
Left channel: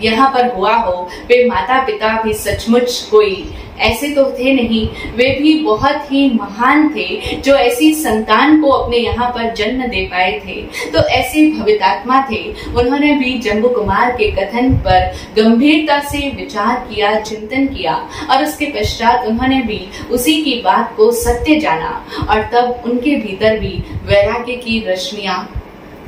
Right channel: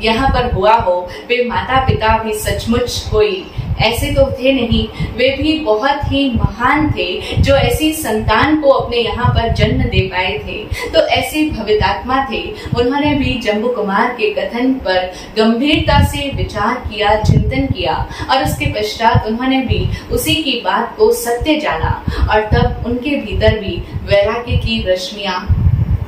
यहाँ पर हुआ हो, वे माता पिता भी सचमुच कोई ऐसे तो थे नहीं, वे भी बहुत ही महान थे जो ऐसी संतान को अपने यहाँ पर जन्म दे पाए थे। तो ऐसे भवितात्मा थे। उन्होंने भी जम्बू कुमार के कथन पर गंभीरता से विचार किया, चिंतन किया, और उसके पश्चात उन्होंने भी उसी की बात को सत्य जाना, और तब उनके भीतर भी वैराग्य की रश्मियां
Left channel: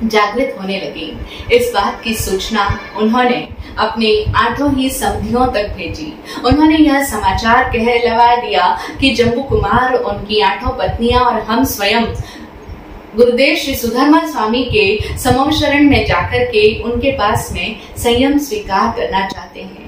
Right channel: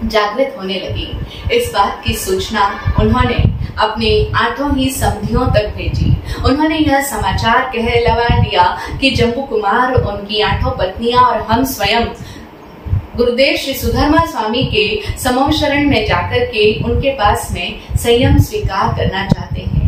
जागृत होने लगी। इस बात की सूचना उन्होंने अपने आठों ही समधियों तक भेजी। उन्होंने यह समाचार कहलवा दिया कि जम्बू कुमार, उनकी आठों पत्नियां और हम स्वयं गुरुदेव श्री सुधर्मा स्वामी के समोम शरण में जाकर के उनके पास में संयम स्वीकार करना चाहते हैं।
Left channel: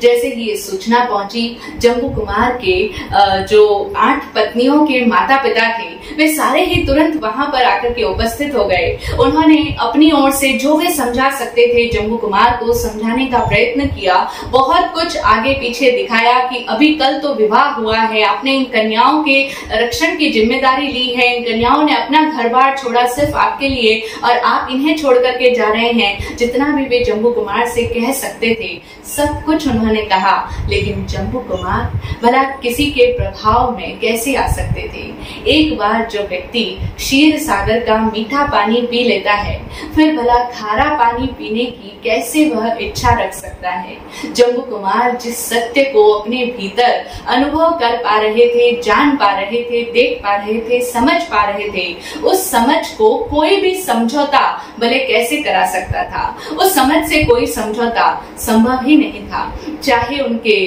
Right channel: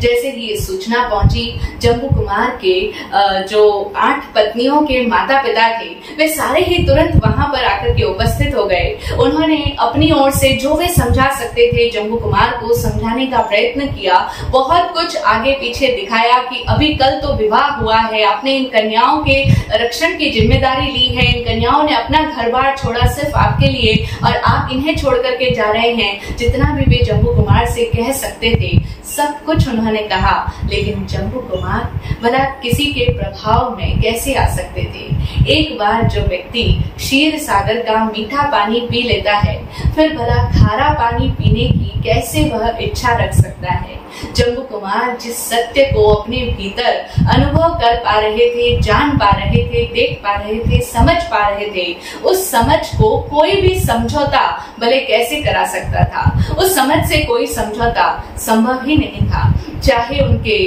जैसे ही ये सूचना पहुंची, जम्बू कुमार के जो 8 पत्नियों के माता पिता थे, वे सारे ही तुरंत वहां पर आकर के उपस्थित हो गए। उन्होंने अपनी ओर से जो वे समझा सकते थे जम्बू कुमार को समझाने का प्रयत्न किया। बहुत कुछ आगे पीछे दिखाया कि अभी कल तो विवाह हुआ है, आपने इन कन्याओं के रक्षण की जिम्मेदारी ली है, इन कन्याओं ने अपना घर बार छोड़ा सिर्फ आपके लिए, और आप इन्हें छोड़ करके जा रहे हैं। जितना भी वे जम्बू कुमार से कह सकते थे सब कुछ उन्होंने कहा, लेकिन जम्बू कुमार भला किसी के प्रभाव में कैसे आ सकते थे। एक बार जो व्यक्ति क्षीर सागर का मीठा पानी पी लेता है, फिर भला खारा पानी पीने की कैसे वह इच्छा रख सकता है। जम्बू कुमार जिस सत्य को अपने भीतर अनुभव कर पा रहे थे, जान पा रहे थे, देख पा रहे थे, समझ पा रहे थे, उस समझ को कोई भी समझौता भले कैसे करा सकता था। उस समझ से कोई समझौता संभव ही नहीं था। चाहे उनके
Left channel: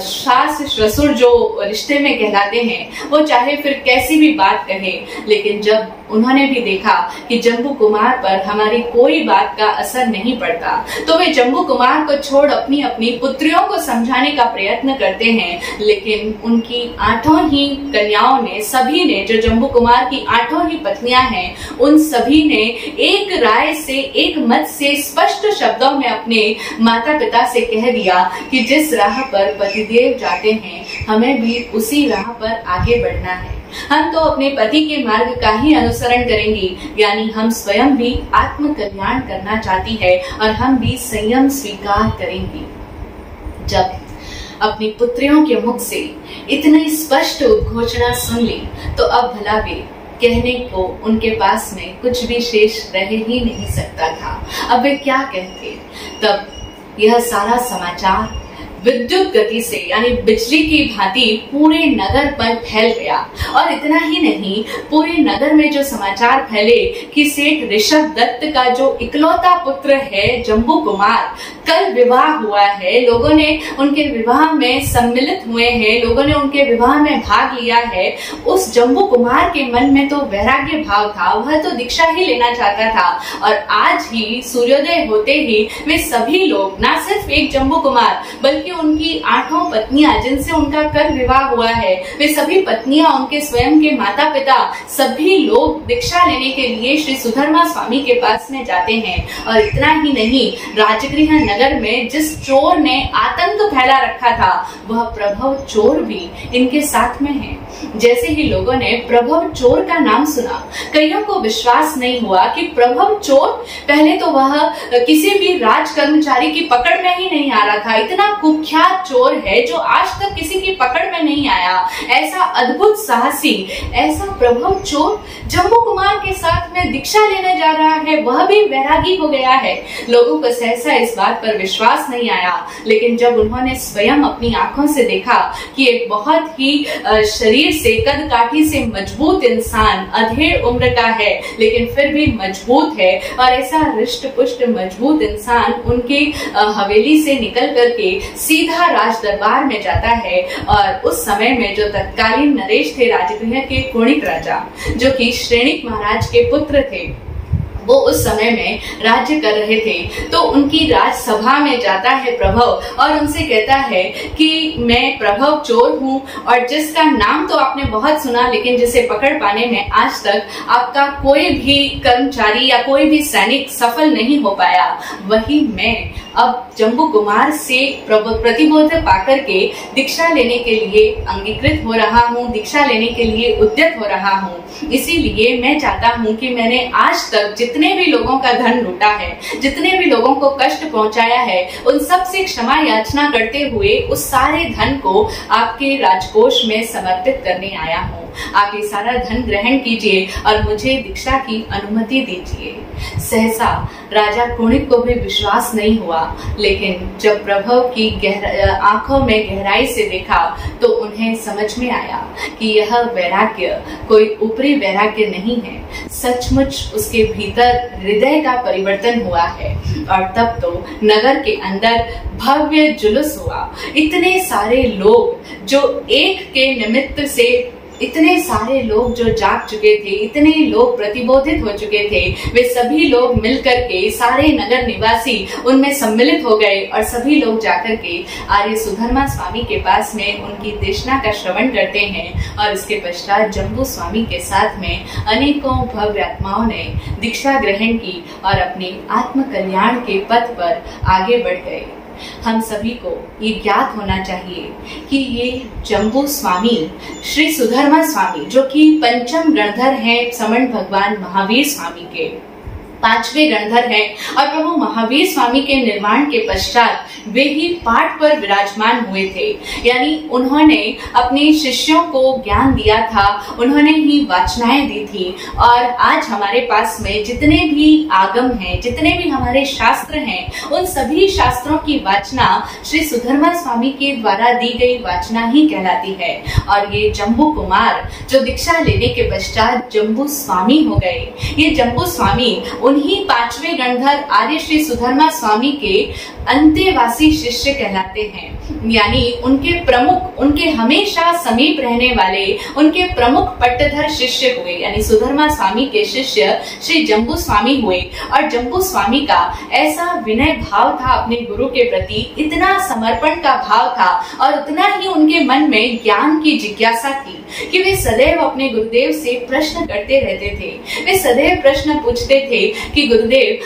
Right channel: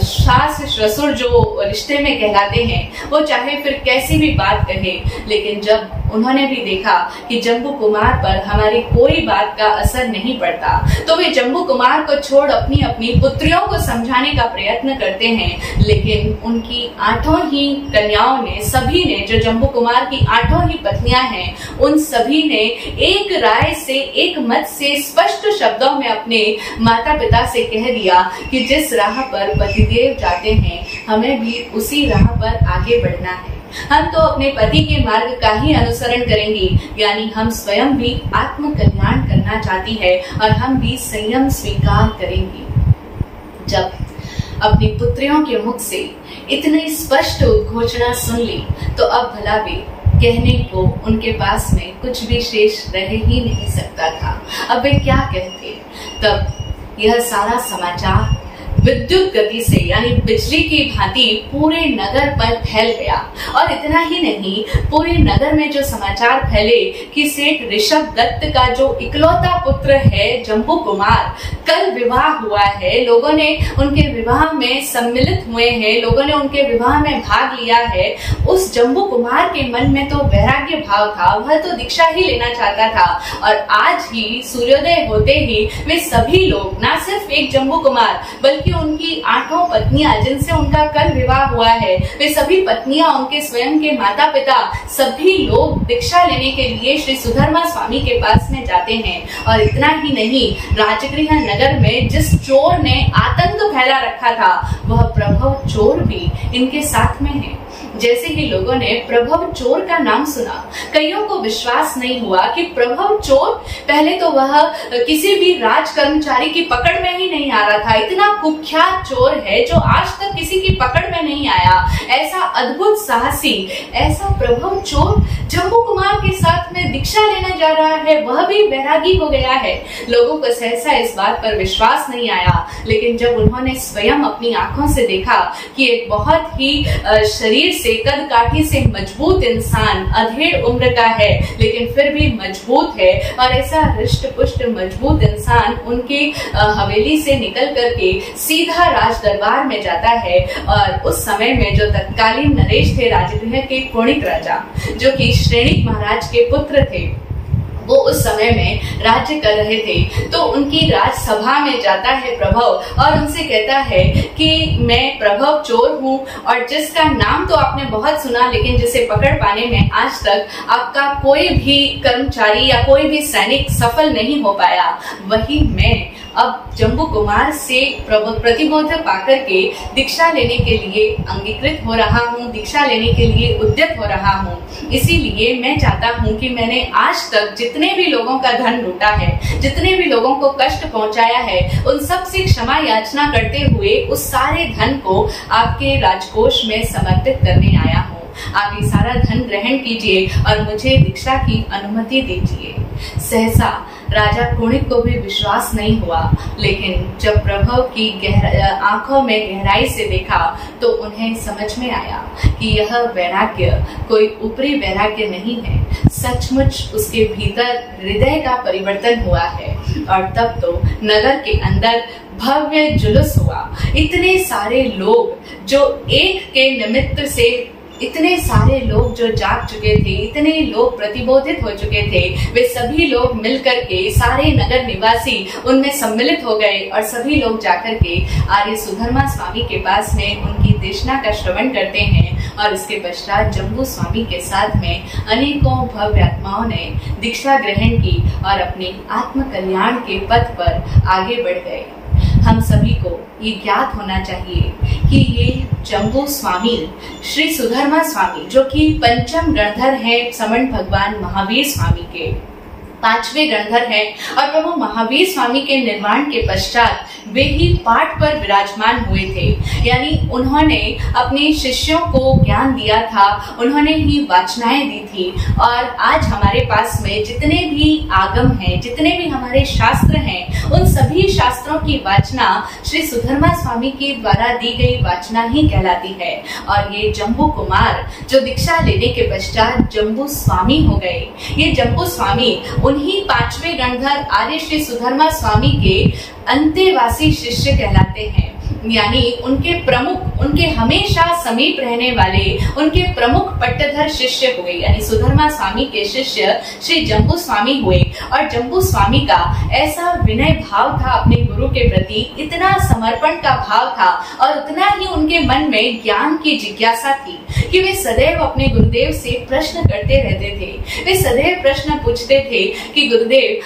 सास ससुर जो रिश्ते में कहलाते हैं, वो चाहे फिर कैसी भी बात कहे, लेकिन जब उन्होंने भी देखा कि जम्बू कुमार पर हमारी कोई बात का असर नहीं पड़ता, तो वे जम्बू कुमार को छोड़ अपनी अपनी पुत्रियों को समझाने का प्रयत्न करते हैं। लेकिन उनकी 8 ही कन्याओं ने, सभी ने, जो जम्बू कुमार की 8 ही पत्नियां हैं, उन सभी ने एक राय से, एक मत से, स्पष्ट शब्दों में अपने माता पिता से कह दिया कि जिस राह पर पतिदेव जाते हैं, हमें भी उसी राह पर आगे बढ़ना है। हम तो अपने पति के मार्ग का ही अनुसरण करेंगे, यानी हम स्वयं भी आत्म कल्याण करना चाहती है और हम भी संयम स्वीकार करेंगी। जब अपनी पुत्रियों के मुख से इतनी स्पष्ट उद्घोषणा सुन ली तो अब भला वे कहने को उनके पास में कुछ भी शेष रह ही नहीं सकता था। अब वे क्या कहते। तब यह सारा समाचार विद्युत गति से यानी बिजली की भांति पूरे नगर पर फैल गया। और इतना ही नहीं, पूरे नगर में जो समाचार फैले कि सेठ ऋषभ दत्त का जो इकलौता पुत्र है जम्बू कुमार, कल विवाह हुआ है, लोगों ने उनके विवाह में सम्मिलित हुए हैं, लोगों ने उनके विवाह में भाग लिया है। उस जम्बू कुमार के मन में तो वैराग्य भाव था, वह तो दीक्षा ही लेना चाहता था। और आज ही सूर्योदय होते ही वे सभी लोग, ना सिर्फ एक जम्बू कुमार बल्कि उनकी 8 पत्नियां जिनसे उनका कल विवाह हुआ है, वे सभी पत्नियां, उनके स्वयं के माता पिता, सभी लोग दीक्षा लेने के लिए श्री सुधर्मा स्वामी के पास में जाते हैं। और इतना ही नहीं, राजगृह नगर में जिस चोर ने आतंक फैला रखा था वह प्रभव चोर भी इनके साथ में है। जैसे ही लोगों ने प्रभव चोर का नाम सुना, कईयों को विश्वास नहीं हुआ कि प्रभव चोर, पहले तो वह किसी भी राज कर्मचारी की पकड़ में ही नहीं आ रहा था। इतना कुख्यात चोर है जो आज तक किसी की पकड़ में नहीं आया। ऐसा अद्भुत साहसी, ऐसा प्रभव चोर जम्बू कुमार के साथ में दीक्षा लेने जा रहा है, वह भी वैरागी हो गया है। लोगों को सहसा इस बात पर विश्वास नहीं आया, लेकिन जब उन्होंने स्वयं अपनी आंखों से देखा कि एक बहुत ही शरीर से, कद काठी से मजबूत इंसान, अधेड़ उम्र का है लेकिन फिर भी मजबूत है, और ऐसा रिष्ट पुष्ट मजबूत इंसान उनके हवेली से निकल करके सीधा राज दरबार में जाता है। और उस समय में जो तत्कालीन नरेश थे राजगृह के कुणिक राजा, जो कि श्रेणिक महाराज के पुत्र थे, वो उस समय में राज्य कर रहे थे, तो उनकी राजसभा में जाता है प्रभव और उनसे कहता है कि मैं प्रभव चोर हूँ, और जिसका नाम तो आपने बहुत सुना लेकिन जिसे पकड़ पाने में आज तक आपका कोई भी कर्मचारी या कोई भी सैनिक सफल नहीं हो पाया, वही मैं अब जम्बू कुमार से प्रतिबोध पाकर के दीक्षा लेने के लिए अंगीकृत हो रहा हूँ, दीक्षा लेने के लिए उद्यत हो रहा हूँ। इसीलिए मैं चाहता हूँ कि मैंने आज तक जितने भी लोगों का धन लूटा है, जितने भी लोगों को कष्ट पहुंचाया है, उन सब से क्षमा याचना करते हुए उस सारे धन को आपके राजकोष में समर्पित करने आया हूँ। आप ये सारा धन ग्रहण कीजिए और मुझे दीक्षा की अनुमति दीजिए। सहसा राजा कुणिक को भी विश्वास नहीं हुआ, लेकिन जब प्रभव की आंखों में गहराई से देखा तो उन्हें समझ में आया कि यह वैराग्य कोई ऊपरी वैराग्य नहीं है, सचमुच उसके भीतर हृदय का परिवर्तन हुआ है। और तब तो नगर के अंदर भव्य जुलूस हुआ। इतने सारे लोग जो एक के निमित्त से, इतने सारे लोग जो जाग चुके थे, इतने लोग प्रतिबोधित हो चुके थे, वे सभी लोग मिलकर के, सारे नगर निवासी उनमें सम्मिलित हो गए और सभी लोग जाकर के आर्य सुधर्मा स्वामी के पास में उनकी देशना का श्रवण करते हैं। और इसके पश्चात जम्बू स्वामी के साथ में अनेकों भव्य आत्माओं ने दीक्षा ग्रहण की और अपने आत्म कल्याण के पथ पर आगे बढ़ गए। हम सभी को ये ज्ञात होना चाहिए कि ये जम्बू स्वामी, श्री सुधर्मा स्वामी, जो कि पंचम गणधर हैं समण भगवान महावीर स्वामी के, 5वें गणधर हैं, और प्रभु महावीर स्वामी के निर्माण के पश्चात वे ही पाठ पर विराजमान हुए थे। यानी उन्होंने अपने शिष्यों को ज्ञान दिया था, उन्होंने ही वाचनाएं दी थी। और आज हमारे पास में जितने भी आगम हैं, जितने भी हमारे शास्त्र हैं, उन सभी शास्त्रों की वाचना श्री सुधर्मा स्वामी के द्वारा दी गई वाचना ही कहलाती है। और ये जम्बू कुमार जो दीक्षा लेने के पश्चात जम्बू स्वामी हो गए, ये जम्बू स्वामी उन्हीं 5वें गणधर आर्य श्री सुधर्मा स्वामी के अंतेवासी शिष्य कहलाते हैं। यानी उनके प्रमुख, उनके हमेशा समीप रहने वाले, उनके प्रमुख पट्टधर शिष्य हुए, यानी सुधर्मा स्वामी के शिष्य श्री जम्बू स्वामी हुए। और जम्बू स्वामी का ऐसा विनय भाव था अपने गुरु के प्रति, इतना समर्पण का भाव था, और उतना ही उनके मन में ज्ञान की जिज्ञासा थी कि वे सदैव अपने गुरुदेव से प्रश्न करते रहते थे। वे सदैव प्रश्न पूछते थे कि गुरुदेव,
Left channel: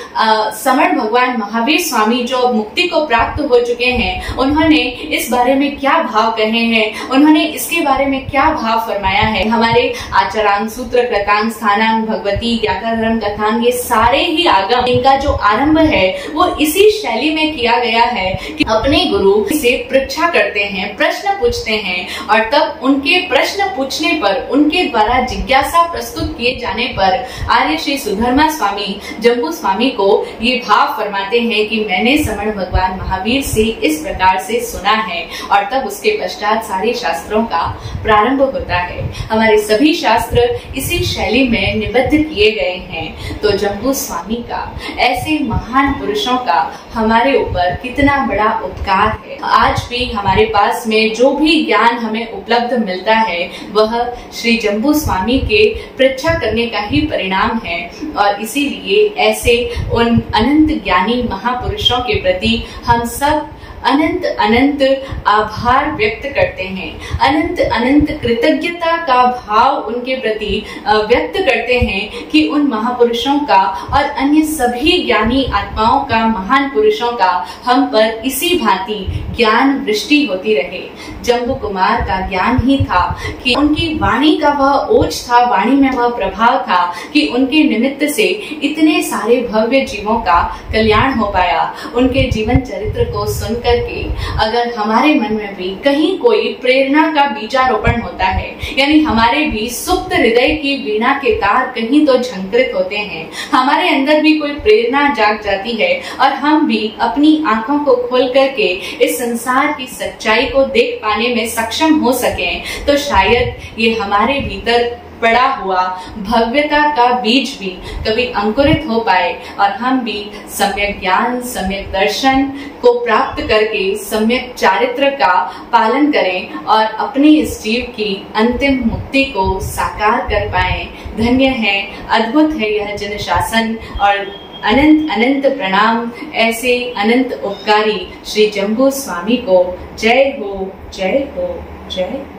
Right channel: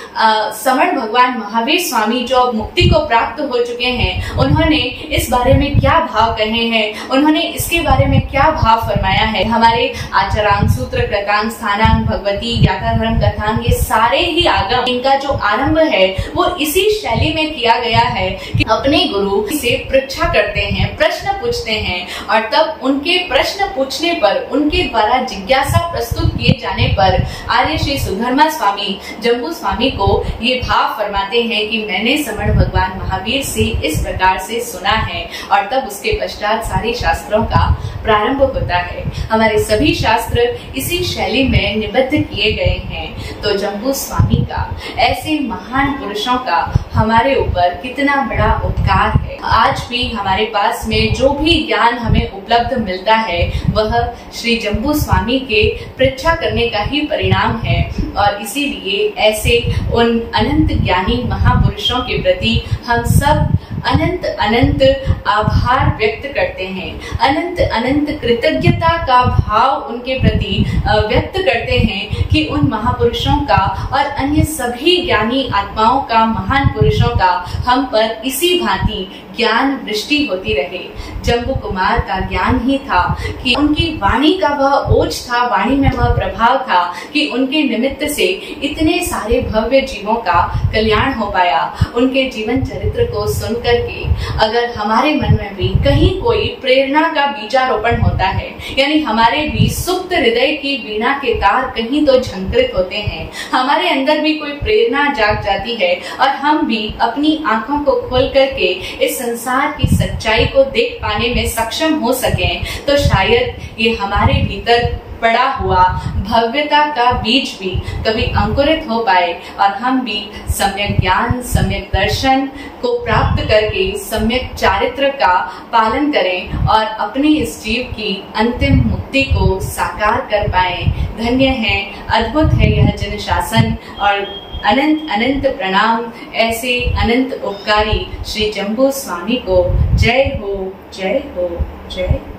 समण भगवान महावीर स्वामी जो मुक्ति को प्राप्त हो चुके हैं, उन्होंने इस बारे में क्या भाव कहे हैं, उन्होंने इसके बारे में क्या भाव फरमाया है। हमारे आचरांग, सूत्र, कृतांग, स्थानांग, भगवती, ज्ञाता धर्म, कथांग, ये सारे ही आगम, इनका जो आरंभ है वो इसी शैली में किया गया है कि अपने गुरु से परीक्षा करते हैं, प्रश्न पूछते हैं, और तब उनके प्रश्न पूछने पर, उनके द्वारा जिज्ञासा प्रस्तुत किए जाने पर आर्य श्री सुधर्मा स्वामी जम्बू स्वामी को ये भाव फरमाते हैं कि मैंने समण भगवान महावीर से इस प्रकार से सुना है, और तब उसके पश्चात सारे शास्त्रों का प्रारंभ होता है। हमारे सभी शास्त्र इसी शैली में निबद्ध किए गए हैं। तो जम्बू स्वामी का, ऐसे महान पुरुषों का हमारे ऊपर कितना बड़ा उपकार है। आज भी हमारे पास में जो भी ज्ञान हमें उपलब्ध मिलता है वह श्री जम्बू स्वामी के परीक्षा करने का ही परिणाम है, और इसीलिए ऐसे उन अनंत ज्ञानी महापुरुषों के प्रति हम सब अनंत अनंत आभार व्यक्त करते हैं, अनंत अनंत कृतज्ञता का भाव उनके प्रति व्यक्त करते हैं कि उन महापुरुषों का और अन्य सभी ज्ञानी आत्माओं का, महान पुरुषों का हम पर इसी भांति ज्ञान वृष्टि होती रहे। जम्बू कुमार का ज्ञान ही था कि उनकी वाणी का वह ओज था, वाणी में वह प्रभाव था कि उनके निमित्त से इतने सारे भव्य जीवों का कल्याण हो पाया। उनके जीवन चरित्र को सुनकर के अगर हमारे मन में भी कहीं कोई प्रेरणा का बीजारोपण होता है, यानी हमारे भी सुप्त हृदय की वीणा के तार कहीं तो झंकृत होते हैं, हमारे अंदर भी कोई प्रेरणा जाग जाती है और हम भी अपनी आंखों को खोल करके इस संसार की सच्चाई को देख पाने में सक्षम हो सकें, तो शायद ये हमारे भीतर पड़ा हुआ भव्यता का बीज भी कभी अंकुरित हो पाए और हम भी सम्यक ज्ञान, सम्यक दर्शन को प्राप्त करके सम्यक चारित्र का पालन करें और अपनी इस जीव की अंतिम मुक्ति को साकार कर पाए। धन्य है, अद्भुत है यह जन शासन, और अनंत अनंत प्रणाम ऐसे अनंत उपकारी श्री जम्बू स्वामी को। जय हो, जय हो, जय हो।